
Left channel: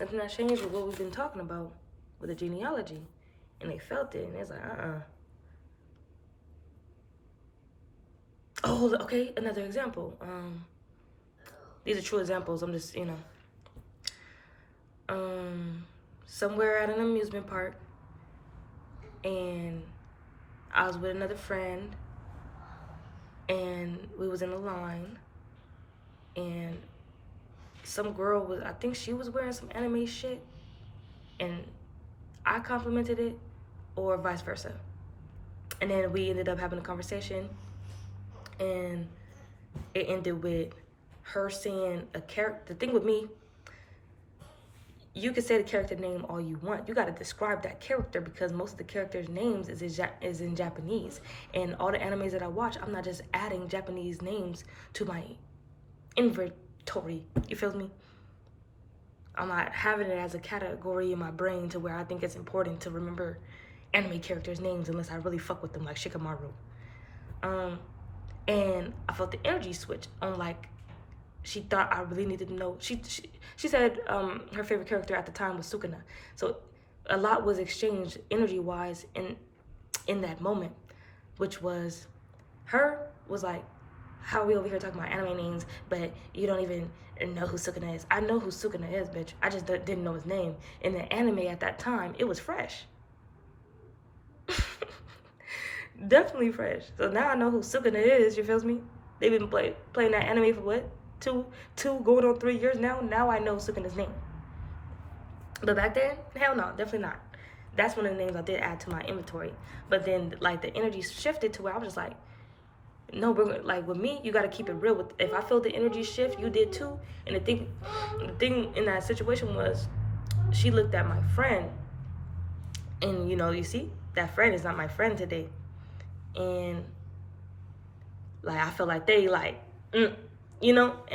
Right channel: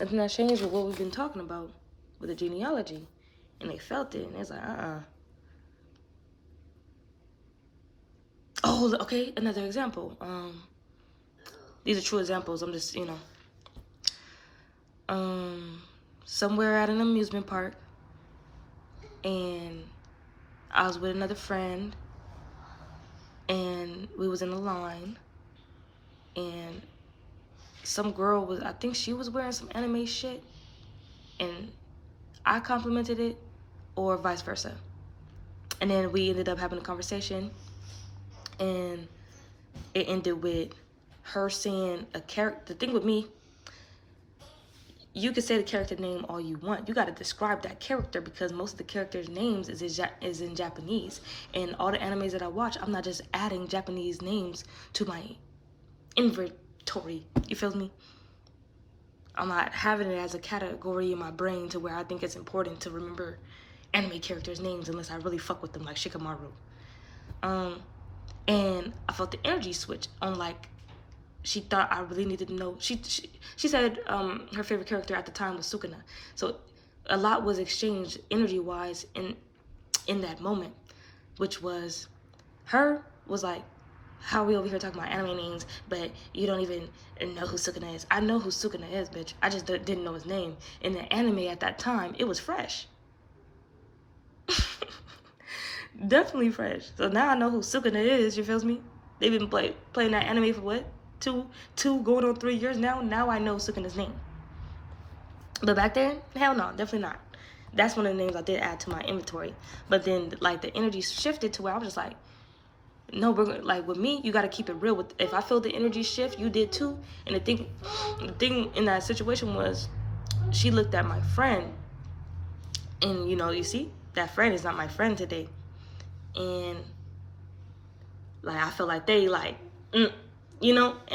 Nothing has changed with what we've been talking about with the genealogy. And they felt it, and it's like, Oh, okay, another example. These are true examples, I'm just, somewhere at an amusement park, and I was with another friend, and we was in a line, and some girl was, I think she was wearing some anime shit, and I complimented it, or vice versa. And then we ended up having a conversation, and it ended with her saying a character. The thing with me, you could say the character name all you want. You got to describe that character, because most of the characters' names is in Japanese. And all the animes that I watch, I'm not just adding Japanese names to my inventory. You feel me? I'm not having it as a category in my brain to where I think it's important to remember anime characters' names unless I really fuck with them, like Shikamaru. And I felt the energy switch on, like, she thought I really needed to know. She said her favorite character at the time was Sukuna. So a lot was exchanged energy-wise in that moment, which was, her was like, how are we over here talking about anime names, but you don't even know who Sukuna is? I know who Sukuna is, bitch. I just didn't know his name. In the anime at that time, it was fresh. Definitely fresh. So now I know who Sukuna is, you feel me? They've been playing that anime for what? Two going on 3 years now? Now I know Sukuna's name. But back then, hell no, definitely not. That's one of the names I did add to my inventory. But then, like, the energy shifted to where I was just like, no, like, with me, you got to keep it real. If I feel the energy shift, you did too. And the thing in that situation was, she looked at my friend, and, you see, that friend is not my friend today. And, like, I feel like they, like, and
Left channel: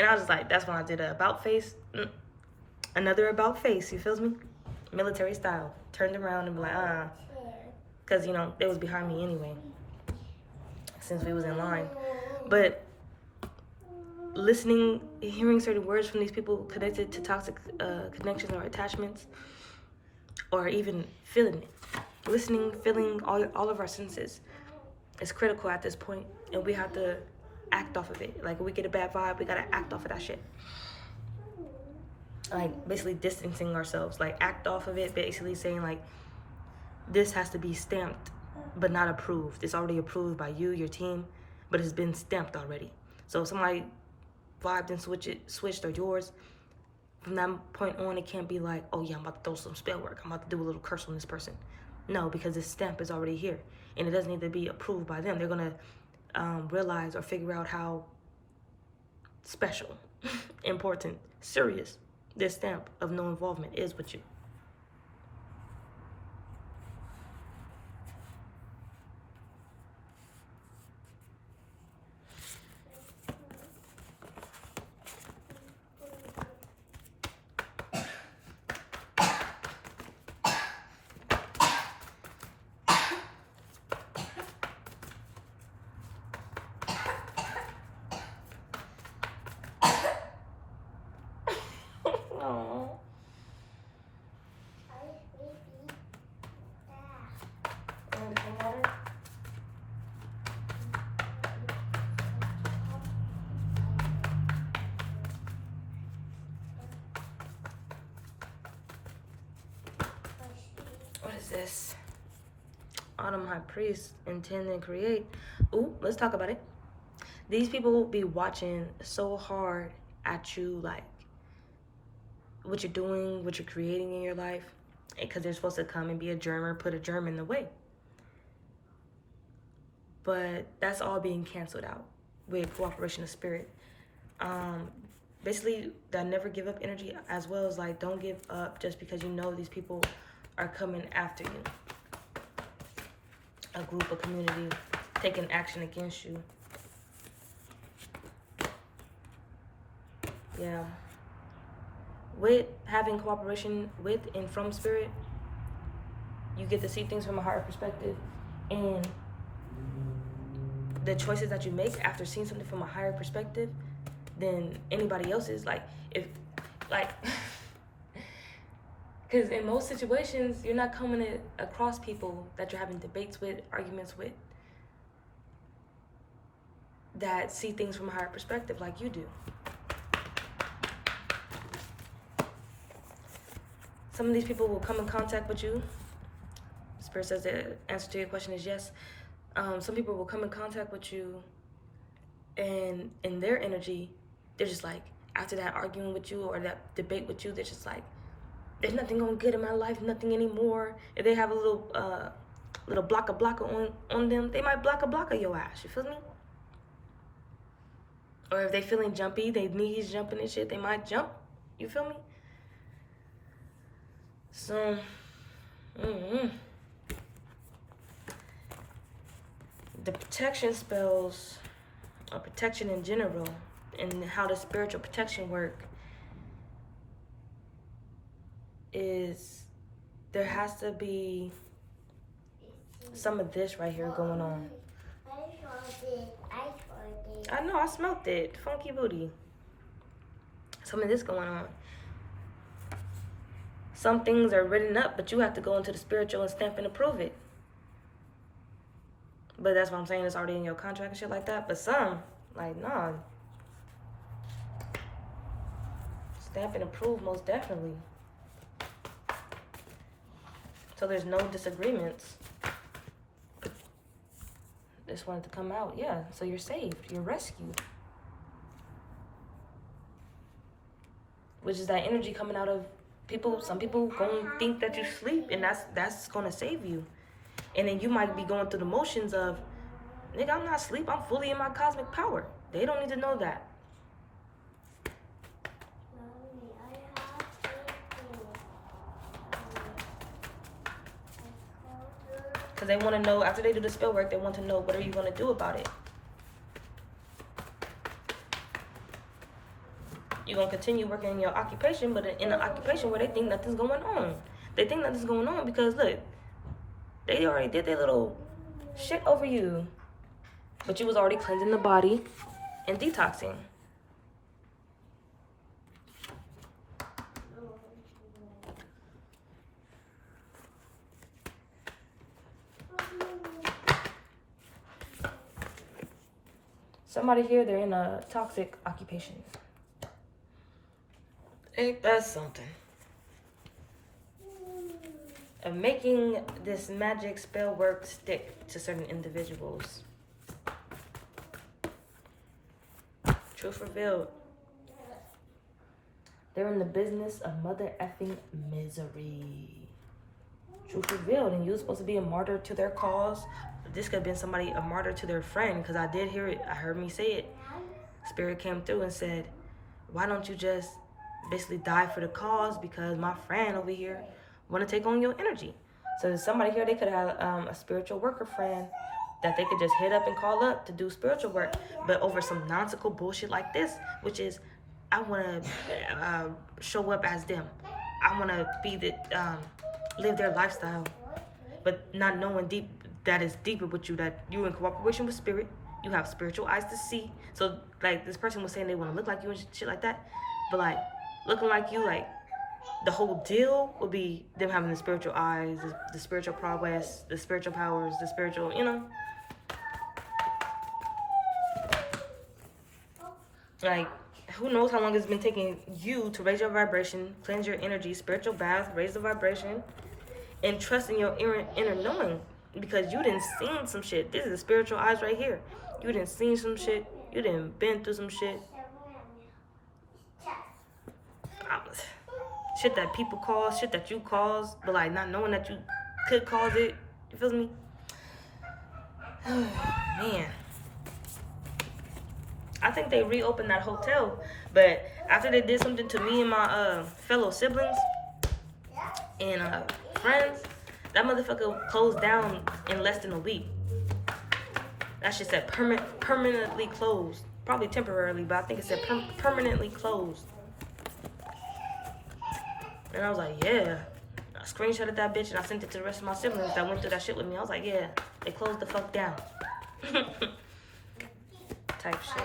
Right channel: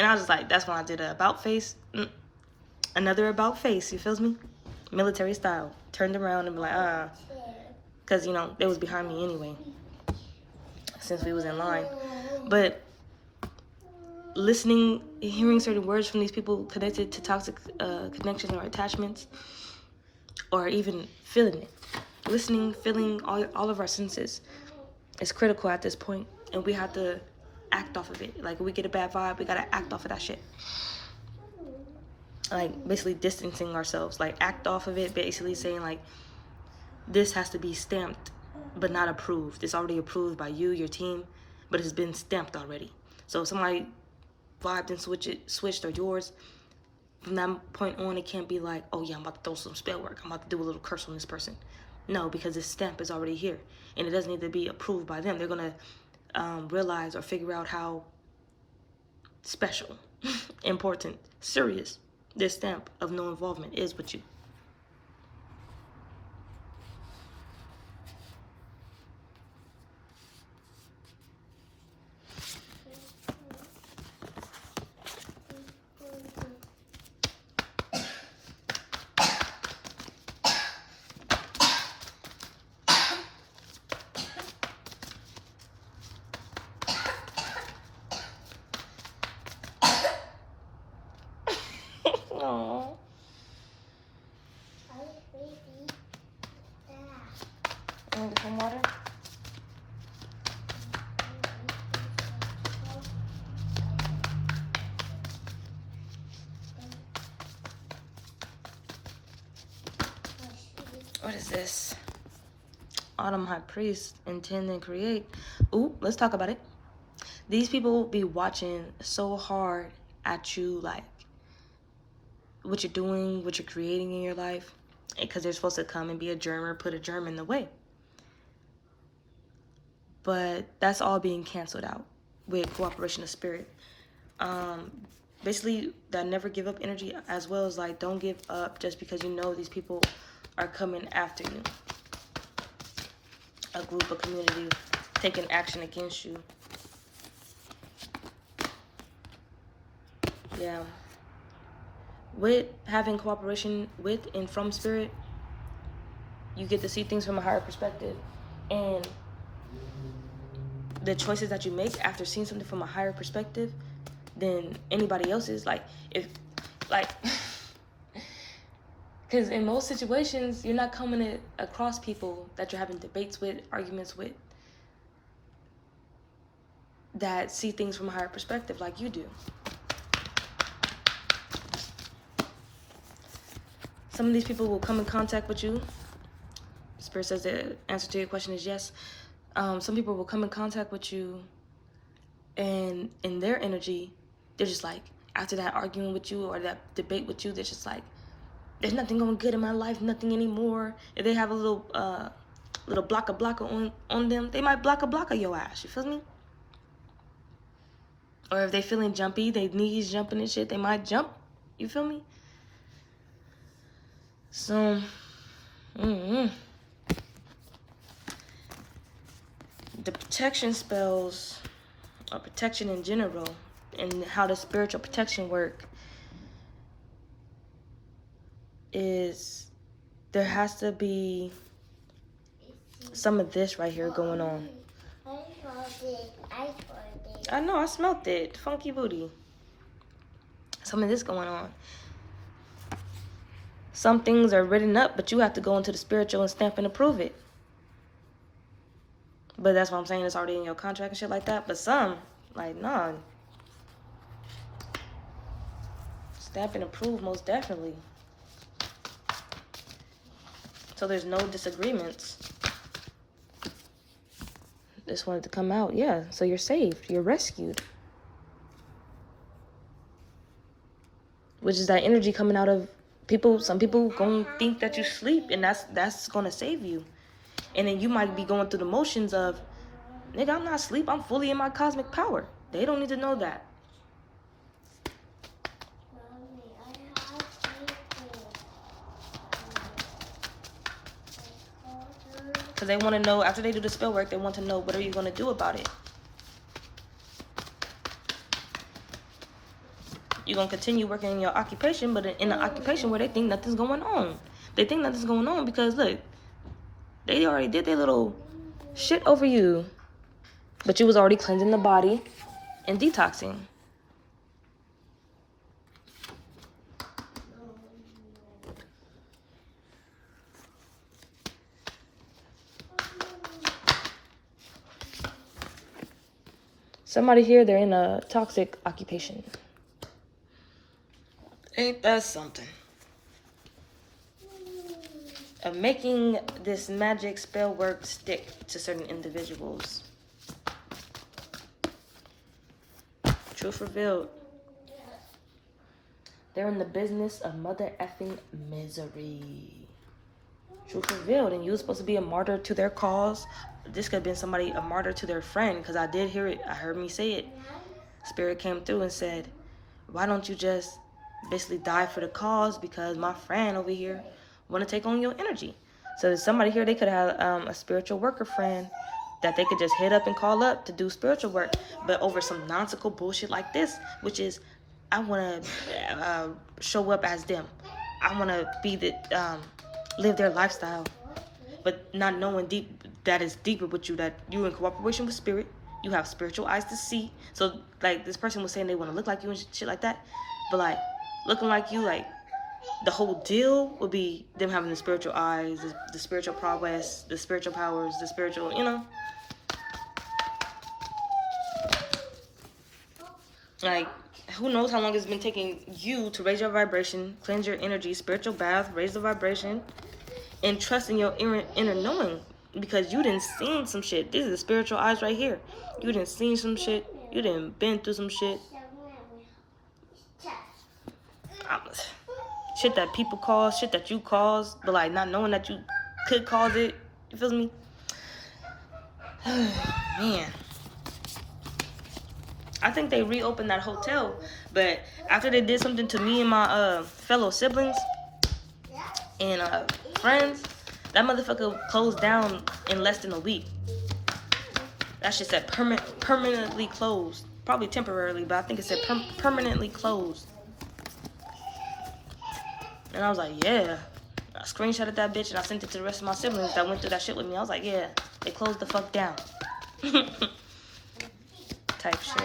I was just like, that's when I did a about face. Another about face, you feel me? Military style. Turned around and be like, because, they was behind me anyway, since we was in line. But listening, hearing certain words from these people connected to toxic connections or attachments, or even feeling it. Listening, feeling, all of our senses is critical at this point, and we have to act off of it. Like, if we get a bad vibe, we gotta act off of that shit. Like, basically distancing ourselves. Like, act off of it, basically saying, like, this has to be stamped, but not approved. It's already approved by you, your team, but it's been stamped already. So if somebody vibed and switched or yours, from that point on, it can't be like, oh yeah, I'm about to throw some spell work. I'm about to do a little curse on this person. No, because this stamp is already here, and it doesn't need to be approved by them. They're gonna realize or figure out how special important, serious. This stamp of no involvement is with you. What is this? Autumn High Priest, intend and create. Ooh, let's talk about it. These people will be watching so hard at you, like what you're doing, what you're creating in your life, because they're supposed to come and be a germ or put a germ in the way. But that's all being canceled out with cooperation of spirit. Basically, that never give up energy, as well as like don't give up just because you know these people are coming after you. A group, a community taking action against you. Yeah. With having cooperation with and from spirit, you get to see things from a higher perspective. And the choices that you make after seeing something from a higher perspective than anybody else's, like, if, like, because in most situations, you're not coming across people that you're having debates with, arguments with, that see things from a higher perspective like you do. Some of these people will come in contact with you. Spirit says the answer to your question is yes. Some people will come in contact with you, and in their energy, they're just like, after that arguing with you or that debate with you, they're just like, there's nothing going good in my life, nothing anymore. If they have a little blocker on them, they might blocker your ass. You feel me? Or if they feeling jumpy, they knees jumping and shit, they might jump. You feel me? So, the protection spells, or protection in general, and how the spiritual protection work is there has to be some of this right here going on. I know, I smelt it. Funky booty. Some of this going on. Some things are written up, but you have to go into the spiritual and stamp and approve it. But that's what I'm saying, it's already in your contract and shit like that. But some, like, nah. Stamp and approve, most definitely. So there's no disagreements. Just wanted to come out, yeah. So you're saved, you're rescued. Which is that energy coming out of people. Some people gonna think that you sleep, and that's gonna save you. And then you might be going through the motions of, nigga, I'm not asleep, I'm fully in my cosmic power. They don't need to know that. Because they want to know, after they do the spell work, they want to know, what are you going to do about it? You're going to continue working in your occupation, but in an occupation where they think nothing's going on. They think nothing's going on because, look, they already did their little shit over you. But you was already cleansing the body and detoxing. Somebody here, they're in a toxic occupation. Ain't that something? Of making this magic spell work stick to certain individuals. Truth revealed. They're in the business of mother effing misery. Truth revealed. And you were supposed to be a martyr to their cause. This could have been somebody, a martyr to their friend, because I did hear it. I heard me say it. Spirit came through and said, why don't you just basically die for the cause? Because my friend over here want to take on your energy. So there's somebody here, they could have a spiritual worker friend that they could just hit up and call up to do spiritual work, but over some nonsensical bullshit like this, which is, I want to show up as them. I want to be live their lifestyle, but not knowing deep that is deeper with you, that you in cooperation with spirit, you have spiritual eyes to see. So like this person was saying they want to look like you and shit like that, but like looking like you, like the whole deal would be them having the spiritual eyes, the spiritual prowess, the spiritual powers, the spiritual, you know. Like, who knows how long it's been taking you to raise your vibration, cleanse your energy, spiritual bath, raise the vibration, and trust in your inner knowing, because you done seen some shit. This is the spiritual eyes right here. You done seen some shit. You done been through some shit. Shit that people cause, shit that you caused, but like not knowing that you could cause it. You feel me? Man. I think they reopened that hotel, but after they did something to me and my fellow siblings and friends, that motherfucker closed down in less than a week. That shit said permanently closed. Probably temporarily, but I think it said permanently closed. And I was like, yeah. I screenshotted that bitch and I sent it to the rest of my siblings that went through that shit with me. I was like, yeah, they closed the fuck down. Type shit.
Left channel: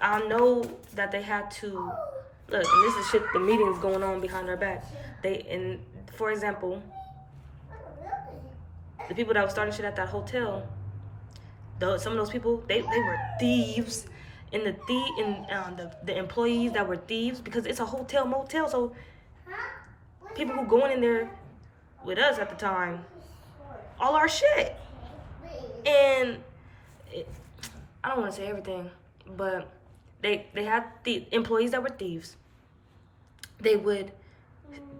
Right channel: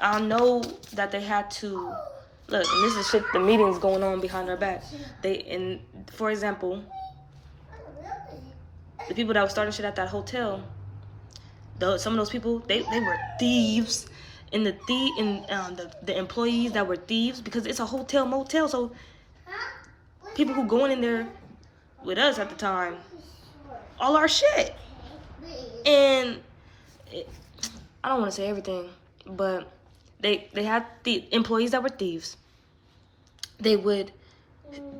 I know that they had to, look, and this is shit, the meetings going on behind our back. For example, the people that were starting shit at that hotel, some of those people, they were thieves. And the employees that were thieves, because it's a hotel motel, so people who going in there with us at the time, all our shit. And I don't want to say everything, but they had the employees that were thieves. They would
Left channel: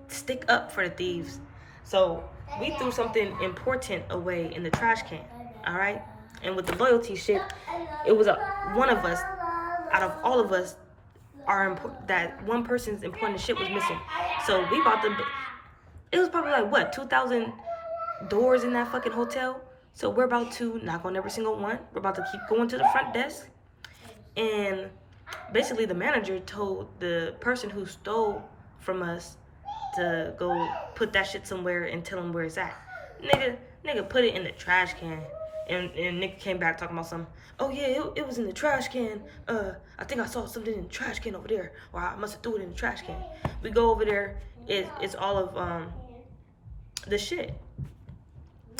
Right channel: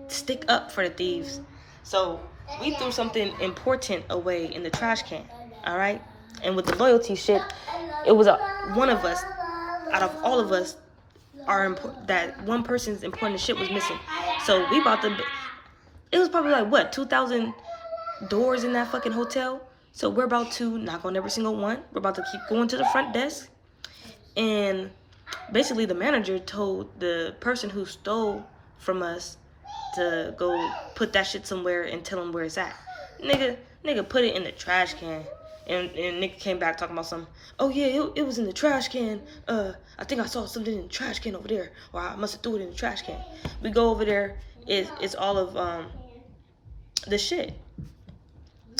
stick up for the thieves. So we threw something important away in the trash can, all right? And with the loyalty shit, it was one of us, out of all of us, that one person's important shit was missing. So we bought it was probably like, what, 2,000 doors in that fucking hotel? So we're about to knock on every single one. We're about to keep going to the front desk. And basically the manager told the person who stole from us to go put that shit somewhere and tell him where it's at. Nigga put it in the trash can. And nigga came back talking about something. Oh yeah, it was in the trash can. I think I saw something in the trash can over there. Or I must have threw it in the trash can. We go over there. It's all of the shit.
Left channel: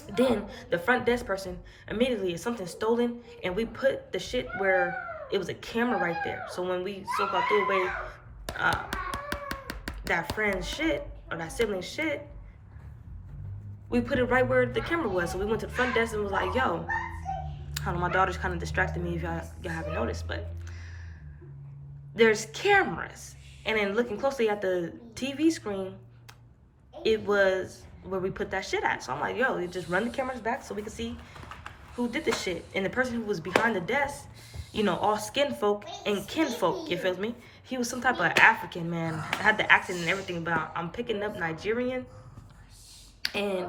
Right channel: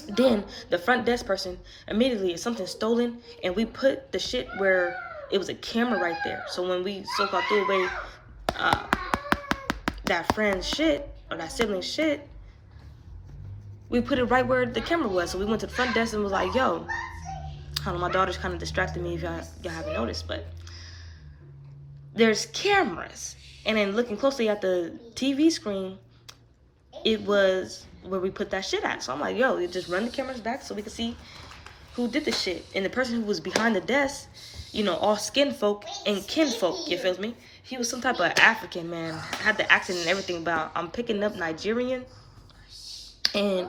Then the front desk person, immediately, if something's stolen, and we put the shit where it was a camera right there. So when we so-called threw away that friend's shit, or that sibling's shit, we put it right where the camera was. So we went to the front desk and was like, yo, I don't know, my daughter's kind of distracted me if y'all haven't noticed, but there's cameras. And then looking closely at the TV screen, it was where we put that shit at. So I'm like, yo, you just run the cameras back so we can see who did the shit. And the person who was behind the desk, you know, all skin folk and kin folk, you feel me? He was some type of African, man. Had the accent and everything, but I'm picking up Nigerian. And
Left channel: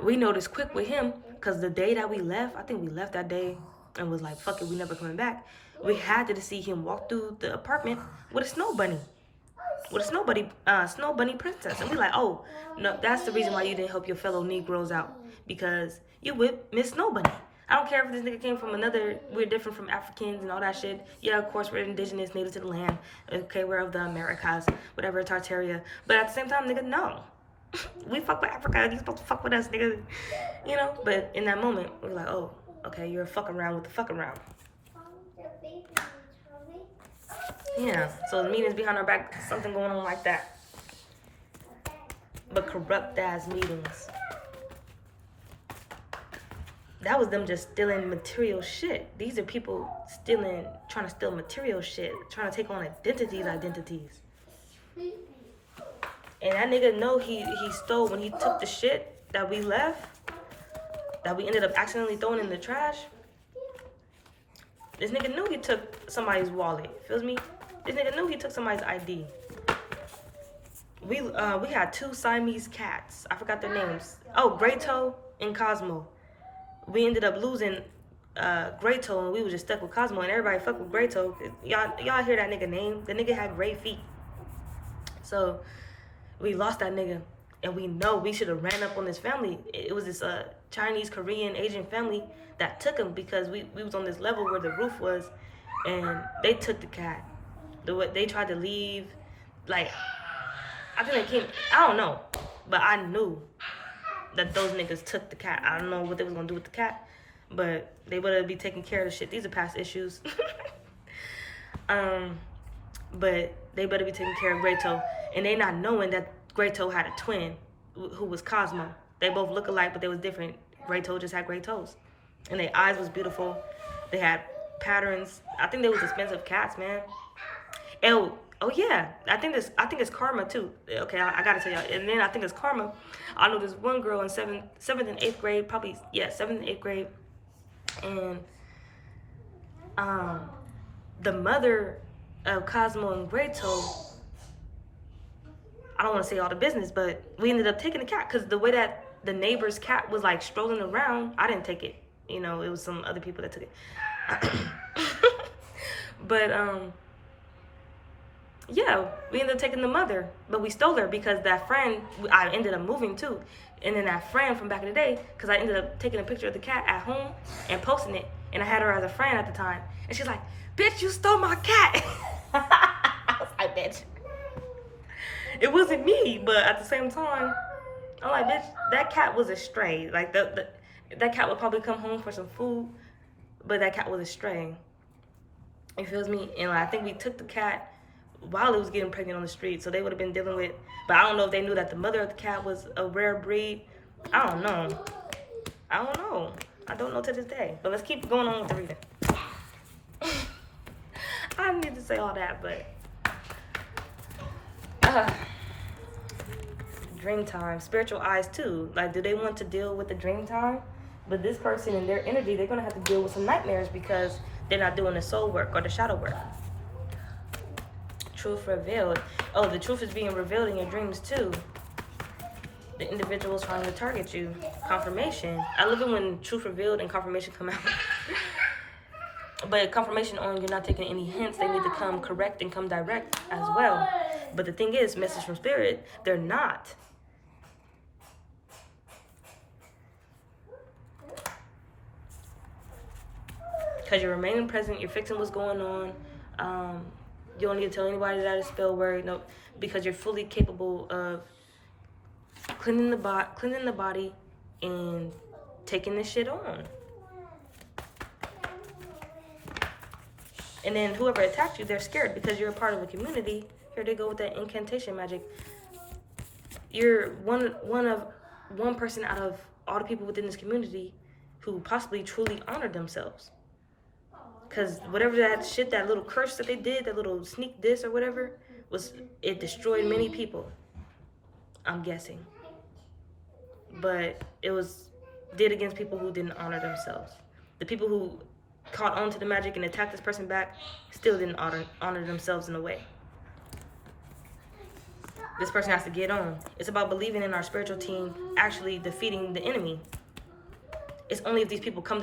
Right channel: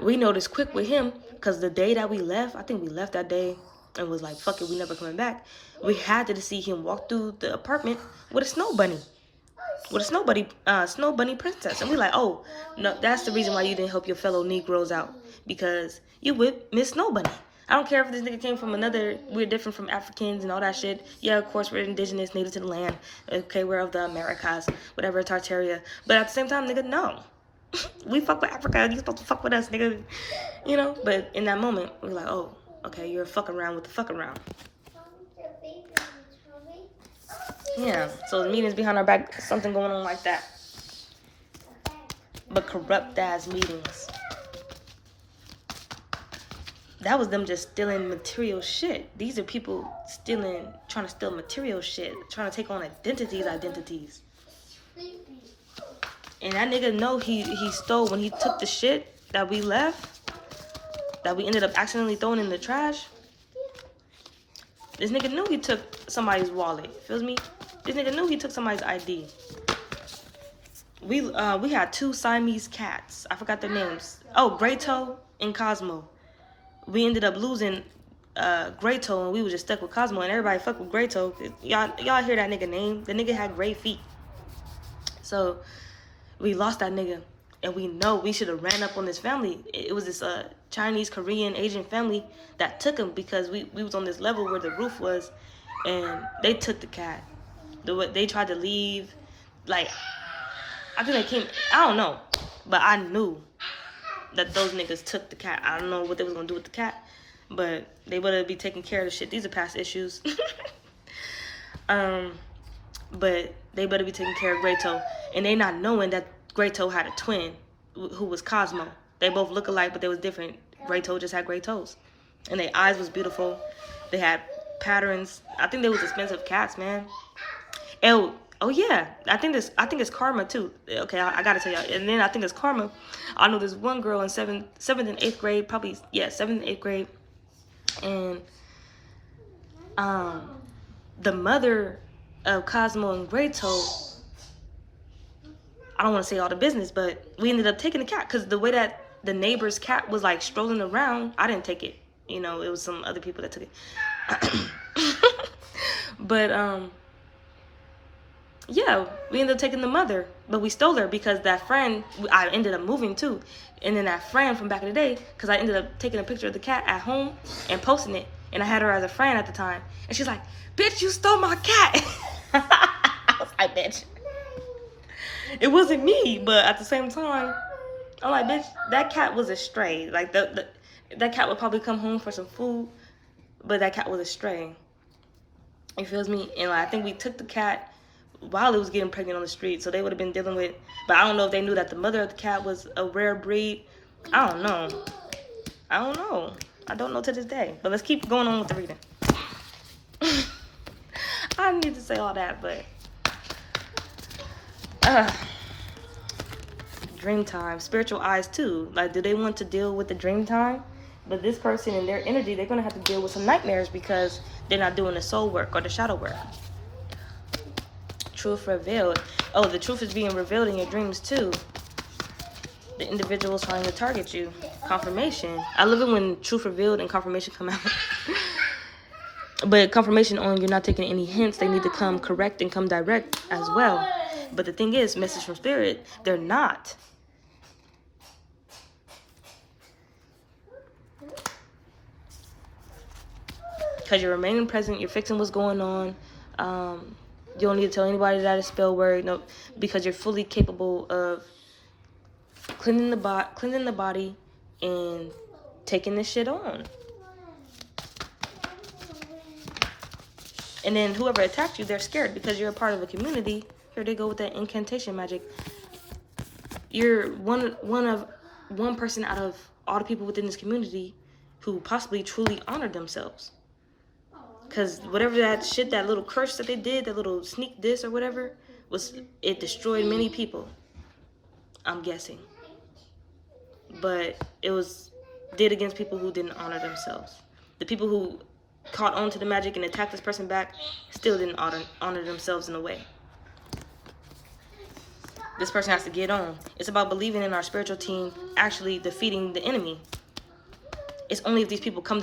we noticed quick with him, because the day that we left, I think we left that day and was like, fuck it, we never coming back. We had to see him walk through the apartment with a snow bunny. With a snow bunny princess. And we like, oh, no, that's the reason why you didn't help your fellow Negroes out. Because you with Miss Snow Bunny. I don't care if this nigga came from we're different from Africans and all that shit. Yeah, of course, we're indigenous, native to the land. Okay, we're of the Americas, whatever, Tartaria. But at the same time, nigga, no. We fuck with Africa, you supposed to fuck with us, nigga. You know? But in that moment, we're like, oh, okay, you're fucking around with the fucking around. Yeah, so the meetings behind our back, something going on like that. But corrupt ass meetings. That was them just stealing material shit. These are people trying to steal material shit, trying to take on identities. And that nigga know he stole when he took the shit that we left, that we ended up accidentally throwing in the trash. This nigga knew he took somebody's wallet. Feels me? This nigga knew he took somebody's ID. We had 2 Siamese cats. I forgot their names. Oh, Greytoe and Cosmo. We ended up losing Greytoe, and we were just stuck with Cosmo, and everybody fucked with Greytoe. Y'all hear that nigga name? The nigga had great feet. So we lost that nigga, and we know we should have ran up on this family. It was this Chinese, Korean, Asian family that took him because we was on this level where the roof was, and they took the cat. They tried to leave, like, I think they came, I don't know, but I knew that those niggas took the cat. I don't know what they was gonna do with the cat, but they better be taking care of the shit. These are past issues. But they better be taking care of Greytoe, and they not knowing that Greytoe had a twin who was Cosmo. They both look alike, but they was different. Greytoe just had great toes, and their eyes was beautiful. They had patterns. I think they was expensive cats, man. Oh yeah, I think it's Karma too. Okay, I gotta tell y'all. And then I think it's Karma. I know this one girl in 7th and 8th grade, probably, yeah, 7th and 8th grade, and the mother of Cosmo and Greytoe, I don't want to say all the business, but we ended up taking the cat because the way that the neighbor's cat was like strolling around, I didn't take it. You know, it was some other people that took it. But yeah, we ended up taking the mother, but we stole her because that friend, I ended up moving too. And then that friend from back in the day, because I ended up taking a picture of the cat at home and posting it, and I had her as a friend at the time. And she's like, bitch, you stole my cat. I was like, bitch. It wasn't me, but at the same time, I'm like, bitch, that cat was a stray. Like, that cat would probably come home for some food, but that cat was a stray. You feels me? And like, I think we took the cat while it was getting pregnant on the street, so they would have been dealing with, but I don't know if they knew that the mother of the cat was a rare breed. I don't know. I don't know to this day. But let's keep going on with the reading. I didn't need to say all that, but dream time, spiritual eyes too. Like, do they want to deal with the dream time? But this person and their energy, they're gonna have to deal with some nightmares because they're not doing the soul work or the shadow work. Truth revealed. Oh, the truth is being revealed in your dreams too. The individual's trying to target you. Confirmation. I love it when truth revealed and confirmation come out. But confirmation on you're not taking any hints. They need to come correct and come direct as well. But the thing is, message from spirit, they're not. Because you're remaining present, you're fixing what's going on. You don't need to tell anybody that it's spell word, no, because you're fully capable of cleaning the body and taking this shit on. And then whoever attacked you, they're scared because you're a part of a community. Here they go with that incantation magic. You're one person out of all the people within this community who possibly truly honored themselves. Because whatever that shit, that little curse that they did, that little sneak diss or whatever, it destroyed many people, I'm guessing. But it did against people who didn't honor themselves. The people who caught on to the magic and attacked this person back still didn't honor themselves in a way. This person has to get on. It's about believing in our spiritual team actually defeating the enemy. It's only if these people come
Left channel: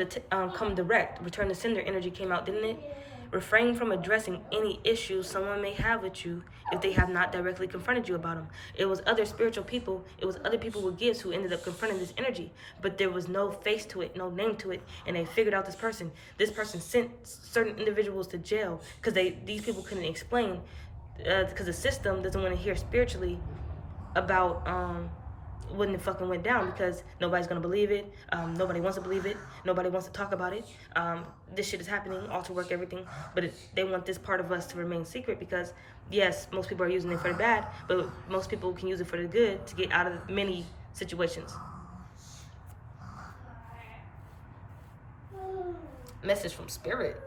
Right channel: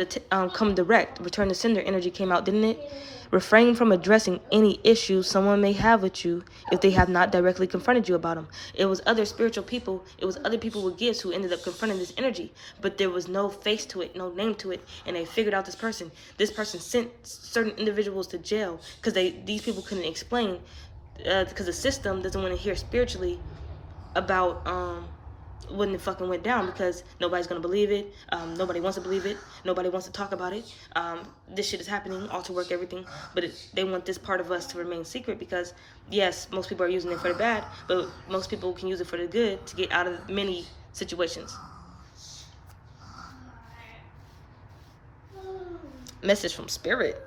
direct. Return to sender energy came out, didn't it? Refrain from addressing any issues someone may have with you if they have not directly confronted you about them. It was other spiritual people. It was other people with gifts who ended up confronting this energy. But there was no face to it, no name to it. And they figured out this person. This person sent certain individuals to jail because these people couldn't explain. Because the system doesn't want to hear spiritually about when it fucking went down, because nobody's gonna believe it. Nobody wants to believe it. Nobody wants to talk about it. This shit is happening, all to work, everything. But they want this part of us to remain secret because, yes, most people are using it for the bad, but most people can use it for the good to get out of many situations. Message from spirit.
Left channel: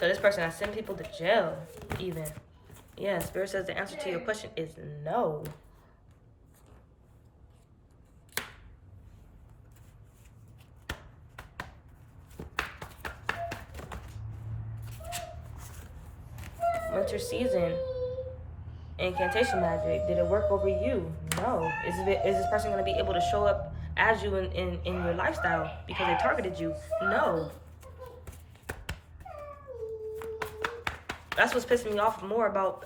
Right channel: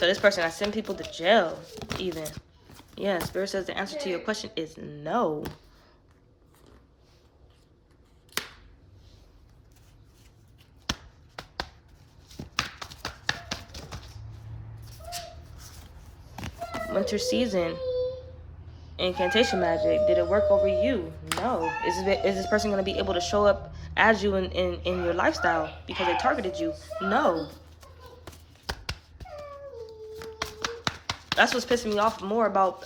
So this person, I send people to jail, even. Yeah, Spirit says the answer to your question is no. Winter season. Incantation magic. Did it work over you? No. Is this person going to be able to show up as you in your lifestyle because they targeted you? No. That's what's pissing me off more about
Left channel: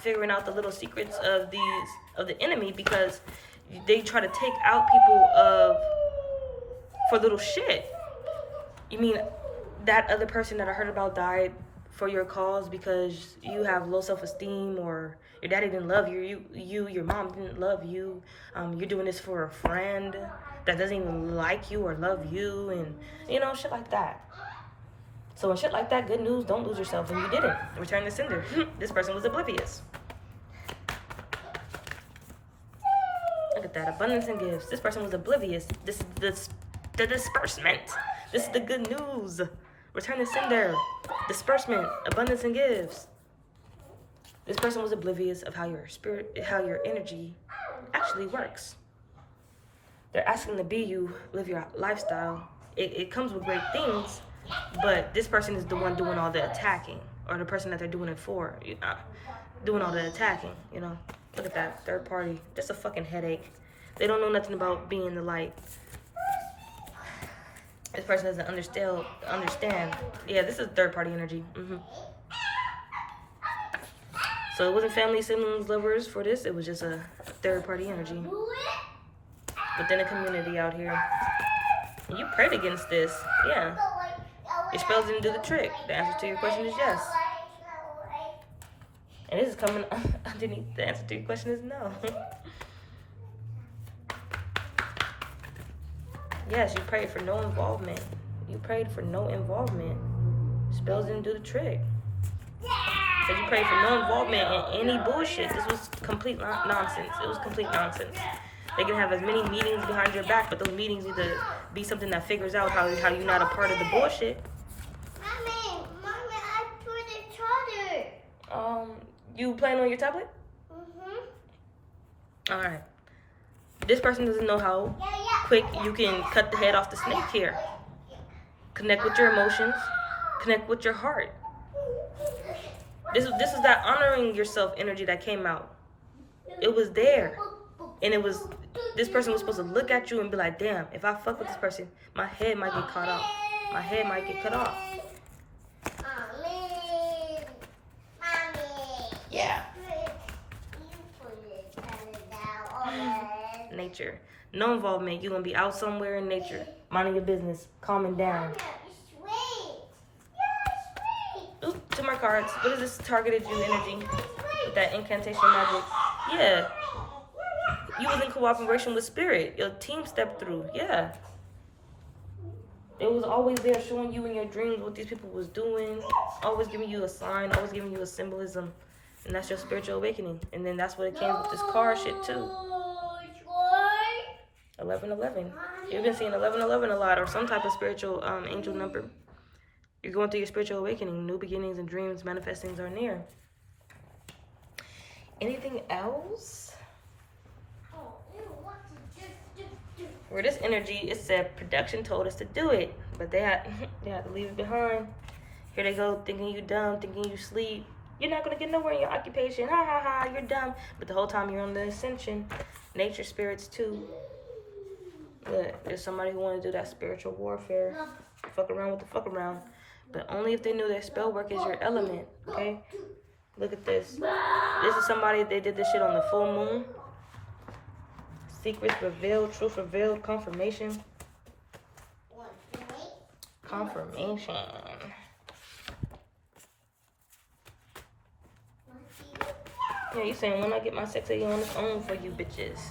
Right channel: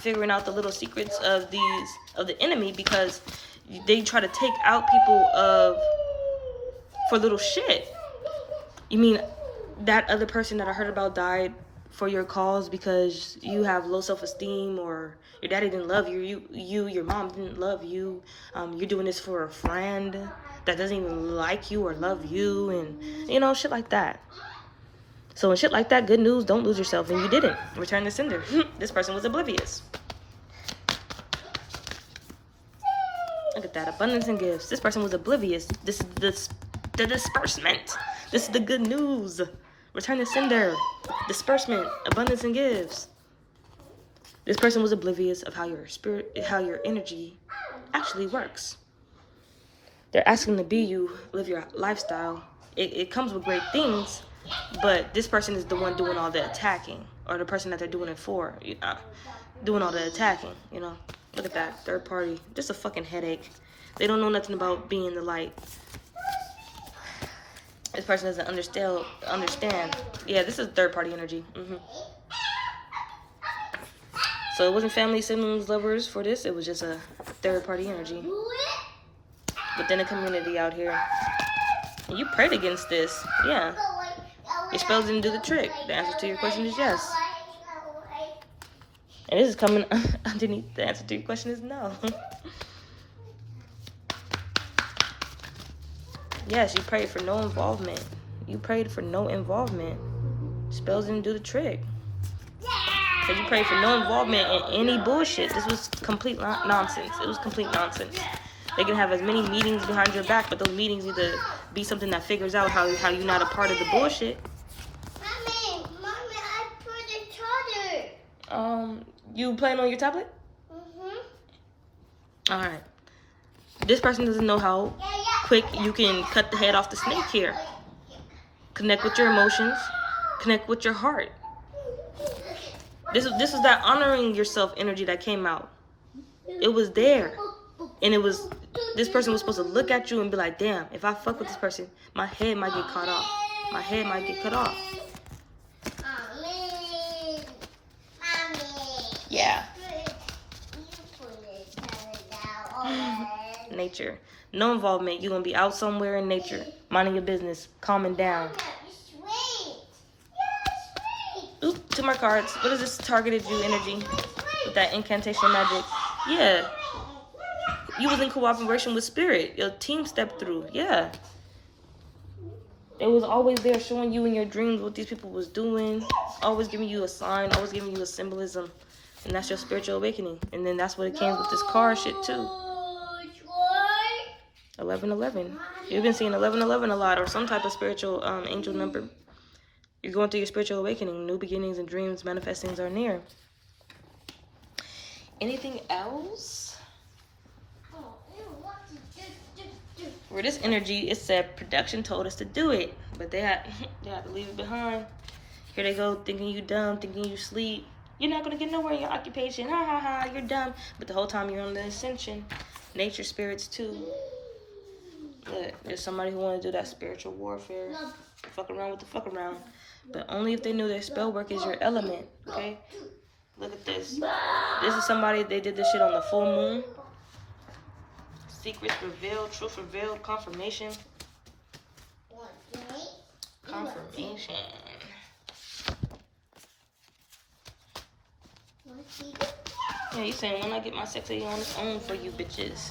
figuring out the little secrets of the enemy, because they try to take out people for little shit. You mean that other person that I heard about died for your cause because you have low self-esteem, or your daddy didn't love you, your mom didn't love you, you're doing this for a friend that doesn't even like you or love you, and you know, shit like that. So when shit like that, good news, don't lose yourself, and you didn't. Return the sender. This person was oblivious. Look at that, abundance and gifts. This person was oblivious. This is the disbursement. This is the good news. Return the sender. Disbursement, abundance and gifts. This person was oblivious of how your energy actually works. They're asking to be you, live your lifestyle. It comes with great things, but this person is the one doing all the attacking, or the person that they're doing it for, doing all the attacking, you know. Look at that, third party, just a fucking headache. They don't know nothing about being the light. This person doesn't understand. Yeah, this is third party energy. So it wasn't family, siblings, lovers for this. It was just a third party energy within a community out here. You prayed against this. Yeah. Your spells didn't do the trick. The answer to your question is yes. And this is coming underneath. The answer to your question is no. Yes, you prayed for no involvement. You prayed for no involvement. Spells didn't do the trick. So you prayed for no involvement in any bullshit. This was complete nonsense. It was complete nonsense. They can have as many meetings behind your back, but those meetings need to be something that figures out how you're not a part of the bullshit. Mommy, I put a charger. You playing on your tablet? Mm-hmm. All right. This person doesn't know how quick you can cut the head off the snake here. Connect with your emotions. Connect with your heart. This is that honoring yourself energy that came out. It was there. And it was, this person was supposed to look at you and be like, damn, if I fuck with this person, my head might get cut off. My head might get cut off. Yeah. Nature. No involvement. You're going to be out somewhere in nature, minding your business, calming down. Ooh, to my cards. What is this targeted you energy with that incantation magic? Yeah. You was in cooperation with spirit. Your team stepped through. Yeah. It was always there showing you in your dreams what these people was doing. Always giving you a sign. Always giving you a symbolism. And that's your spiritual awakening. And then that's what it came with this card shit too. 1111. You've been seeing 1111 a lot, or some type of spiritual angel number. You're going through your spiritual awakening. New beginnings and dreams, manifestings are near. Anything else? For this energy, it said production told us to do it, but they had to leave it behind. Here they go, thinking you dumb, thinking you sleep. You're not gonna get nowhere in your occupation. Ha ha ha, you're dumb. But the whole time you're on the ascension. Nature spirits too. Look, there's somebody who want to do that spiritual warfare. Fuck around with the fuck around. But only if they knew their spell work is your element, okay? Look at this. This is somebody, they did this shit on the full moon. Secrets revealed, truth revealed, confirmation. Confirmation. Yeah, you saying when I get my sexy on its own for you bitches.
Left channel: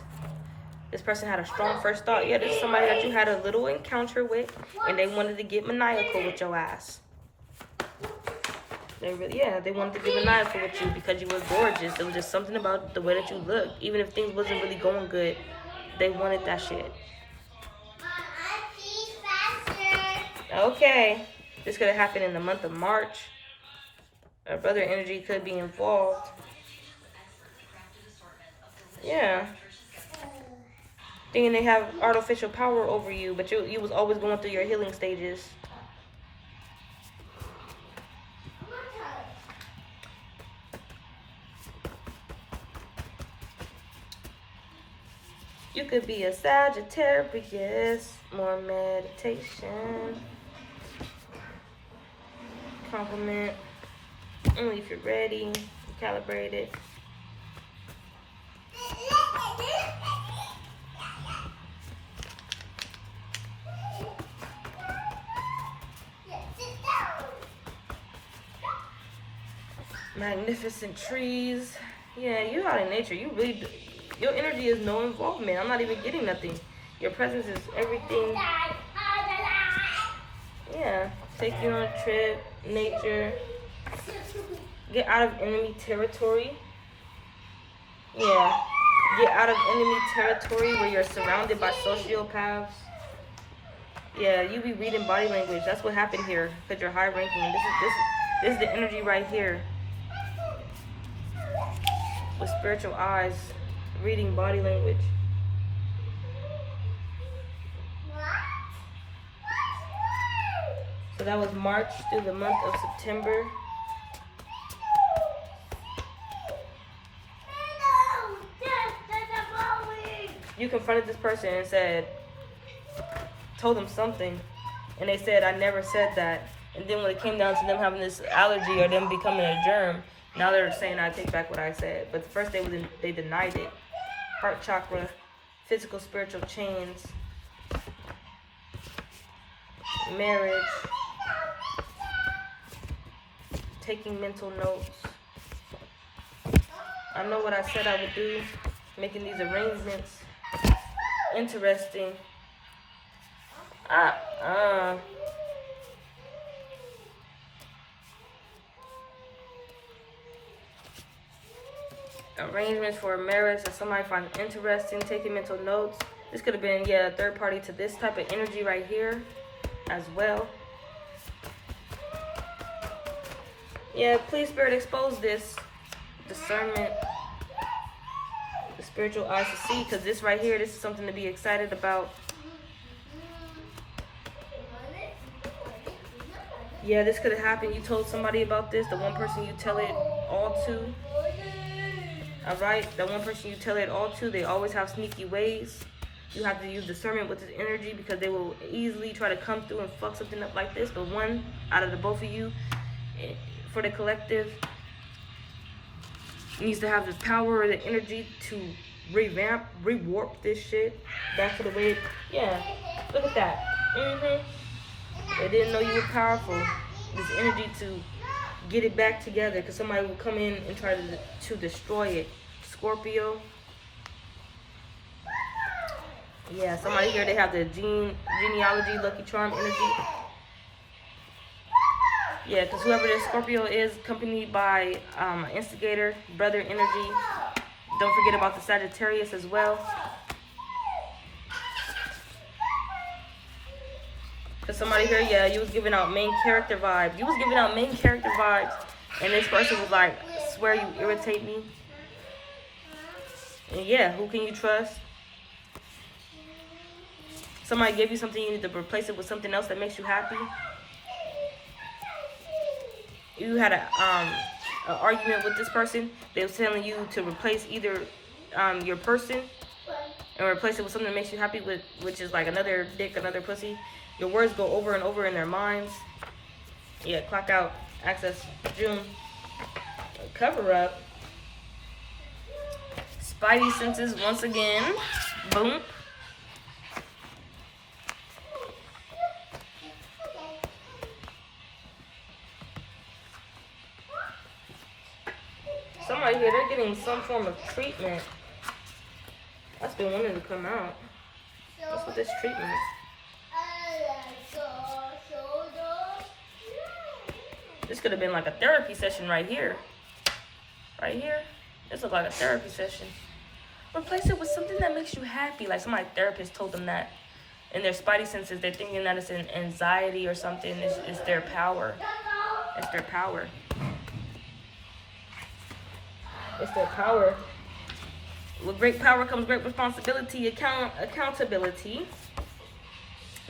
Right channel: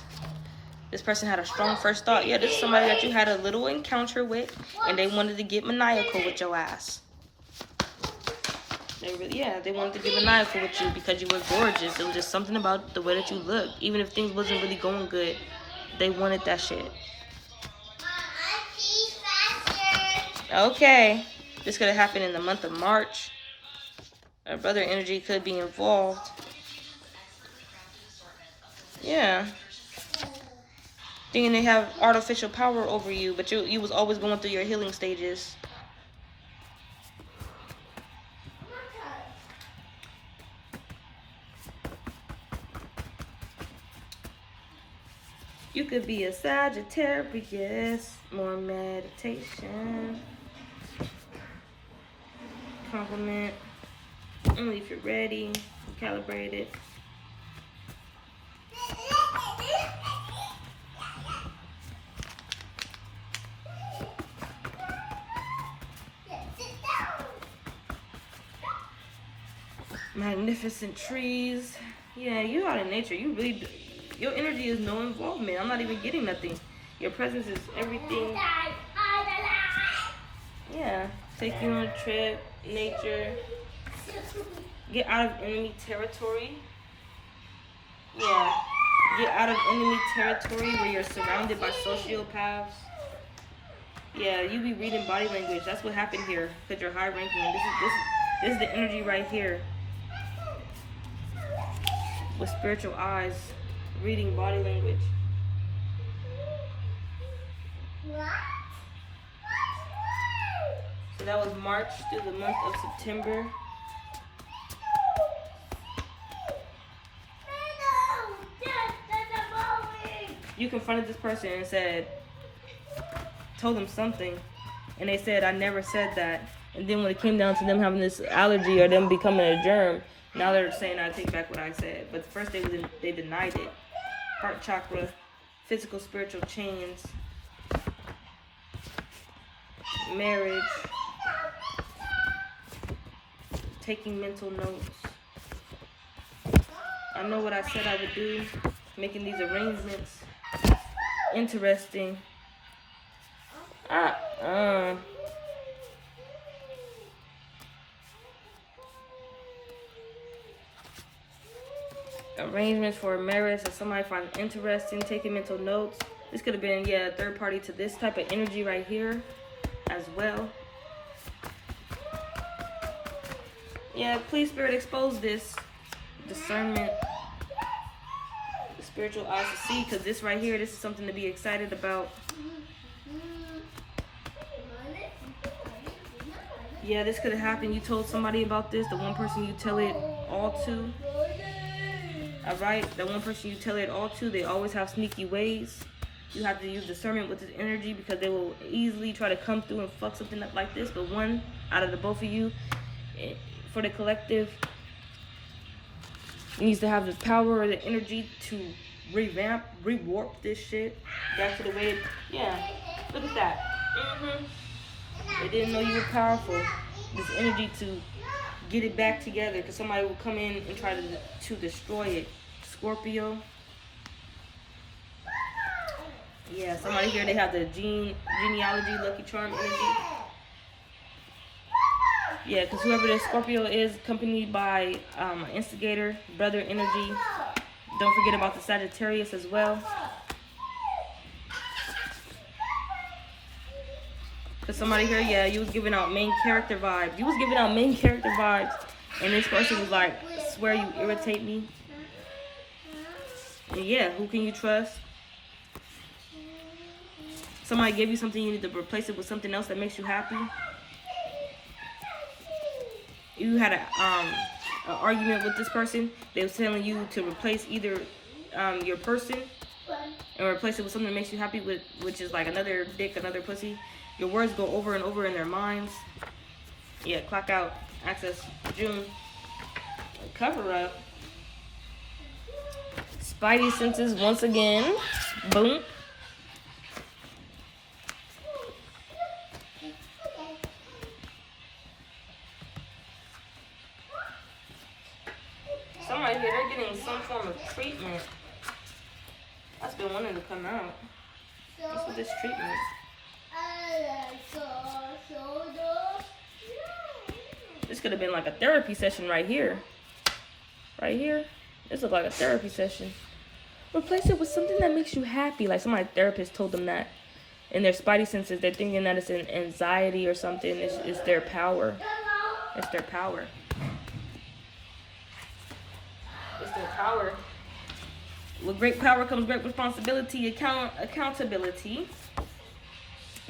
This person had a strong first thought. Yeah, this is somebody that you had a little encounter with, and they wanted to get maniacal with your ass. They wanted to get maniacal with you because you were gorgeous. It was just something about the way that you looked. Even if things wasn't really going good, they wanted that shit. Okay. This could have happened in the month of March. Or brother energy could be involved. Yeah. Thinking they have artificial power over you, but you was always going through your healing stages. You could be a Sagittarius. More meditation. Compliment. Only if you're ready. Calibrated. Magnificent trees. Yeah, you out in nature. You really, your energy is no involvement. I'm not even getting nothing. Your presence is everything. Yeah, take you on a trip, nature. Get out of enemy territory. Yeah, get out of enemy territory where you're surrounded by sociopaths. Yeah, you be reading body language. That's what happened here. Because you're high ranking. This is the energy right here. With spiritual eyes, reading body language. So that was March through the month of September. You confronted this person and told them something, and they said, I never said that. And then when it came down to them having this allergy or them becoming a germ, now they're saying I take back what I said. But first they denied it. Heart chakra, physical, spiritual chains, marriage, taking mental notes. I know what I said I would do, making these arrangements. Interesting. Arrangements for a marriage that somebody finds interesting, taking mental notes. This could have been, a third party to this type of energy right here as well. Yeah, please, Spirit, expose this. Discernment. The spiritual eyes to see, because this right here, this is something to be excited about. Yeah, this could have happened. You told somebody about this, the one person you tell it all to. Alright, the one person you tell it all to, they always have sneaky ways. You have to use discernment with this energy because they will easily try to come through and fuck something up like this. But one out of the both of you, for the collective, needs to have the power or the energy to revamp, rewarp this shit back to the way look at that. They didn't know you were powerful. This energy to get it back together, because somebody will come in and try to destroy it. Scorpio. Yeah, somebody here, they have the genealogy, lucky charm energy. Yeah, because whoever this Scorpio is, accompanied by instigator, brother energy. Don't forget about the Sagittarius as well. Because somebody here, you was giving out main character vibes. You was giving out main character vibes. And this person was like, swear you irritate me. And who can you trust? Somebody gave you something, you need to replace it with something else that makes you happy. You had an argument with this person. They was telling you to replace either your person and replace it with something that makes you happy, which is like another dick, another pussy. Your words go over and over in their minds. Yeah, clock out. Access June. Cover up. Spidey senses once again. Boom. Somebody here, they're getting some form of treatment. That's been wanting to come out. What's with this treatment? This could have been like a therapy session right here. Right here. This looks like a therapy session. Replace it with something that makes you happy. Like somebody's therapist told them that. In their spidey senses, they're thinking that it's an anxiety or something. It's their power. It's their power. It's their power. With great power comes great responsibility, accountability.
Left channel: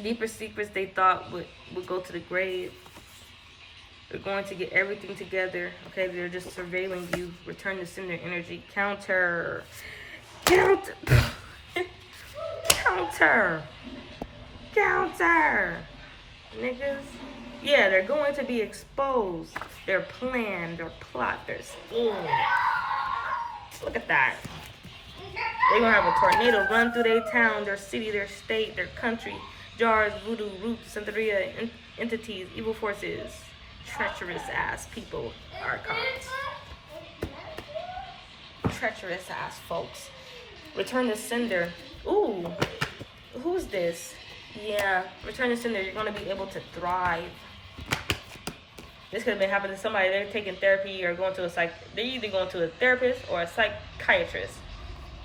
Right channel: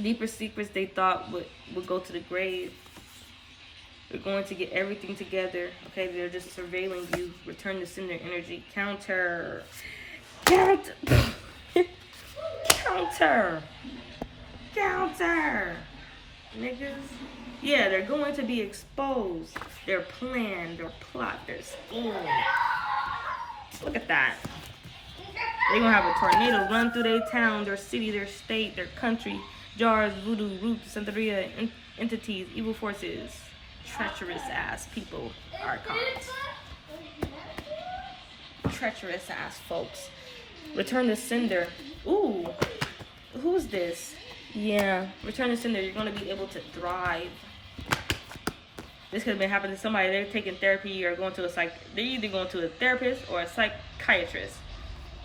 Deeper secrets they thought would go to the grave. They're going to get everything together. Okay, they're just surveilling you. Return to sender energy. Counter. Counter. Niggas. Yeah, they're going to be exposed. Their plan, their plot, their scheme. Look at that. They're going to have a tornado run through their town, their city, their state, their country. Jars, voodoo, roots, Santeria, entities, evil forces, treacherous ass people, archons. Treacherous ass folks. Return to sender. Ooh, who's this? Yeah, return to sender. You're going to be able to thrive. This could have been happening to somebody. They're taking therapy or going to a they're either going to a therapist or a psychiatrist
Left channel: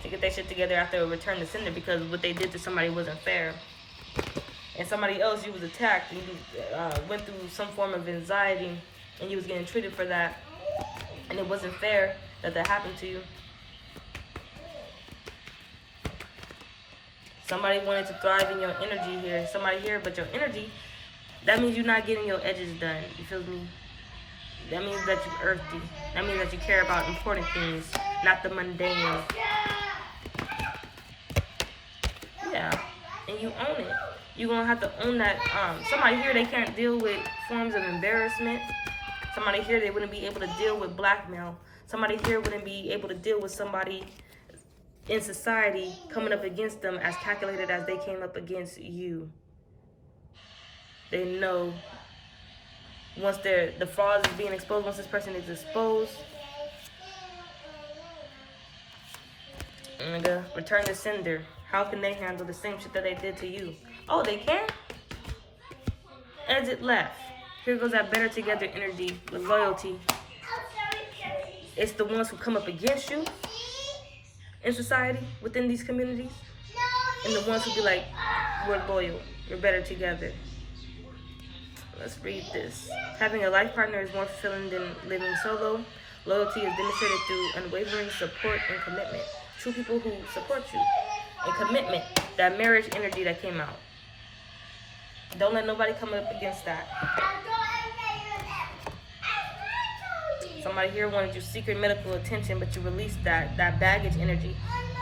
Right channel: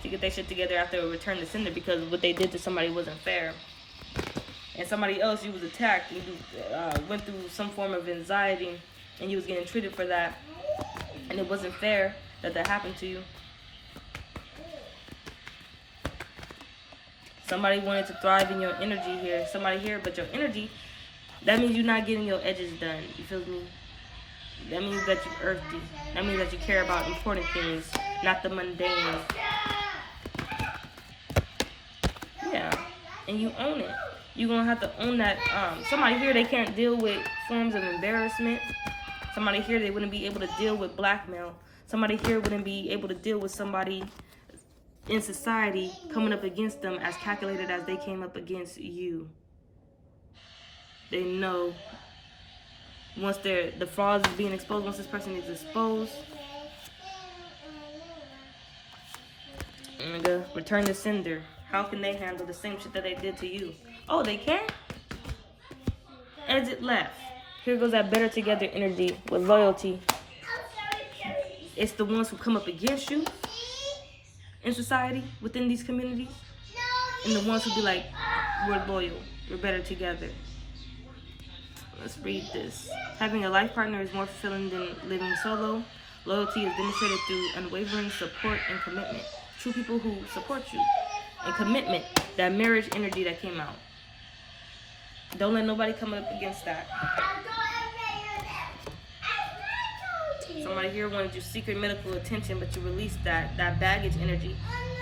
to get their shit together after a return to sender, because what they did to somebody wasn't fair. And somebody else, you was attacked and you went through some form of anxiety and you was getting treated for that, and it wasn't fair that happened to you. Somebody wanted to thrive in your energy here. Somebody here, but your energy, that means you're not getting your edges done. You feel me? That means that you're earthy. That means that you care about important things, not the mundane. Yeah, and you own it. You're going to have to own that. Somebody here, they can't deal with forms of embarrassment. Somebody here, they wouldn't be able to deal with blackmail. Somebody here wouldn't be able to deal with somebody in society coming up against them as calculated as they came up against you. They know once the fraud is being exposed, once this person is exposed, return to sender. How can they handle the same shit that they did to you? Oh, they can? Exit left. Here goes that better together energy with loyalty. It's the ones who come up against you in society, within these communities, and the ones who be like, we're loyal, we're better together. Let's read this. Having a life partner is more fulfilling than living solo. Loyalty is demonstrated through unwavering support and commitment. True people who support you. And commitment, that marriage energy that came out. Don't let nobody come up against that. Somebody here wanted your secret medical attention, but you released that baggage energy.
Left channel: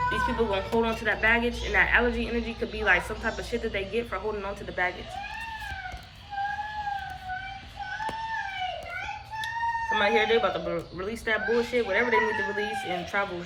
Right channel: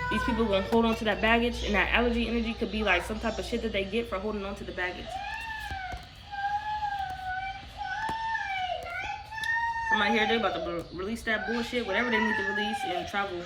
These people gonna hold on to that baggage, and that allergy energy could be like some type of shit that they get for holding on to the baggage. Somebody here, they're about to release that bullshit, whatever they need to release, and travel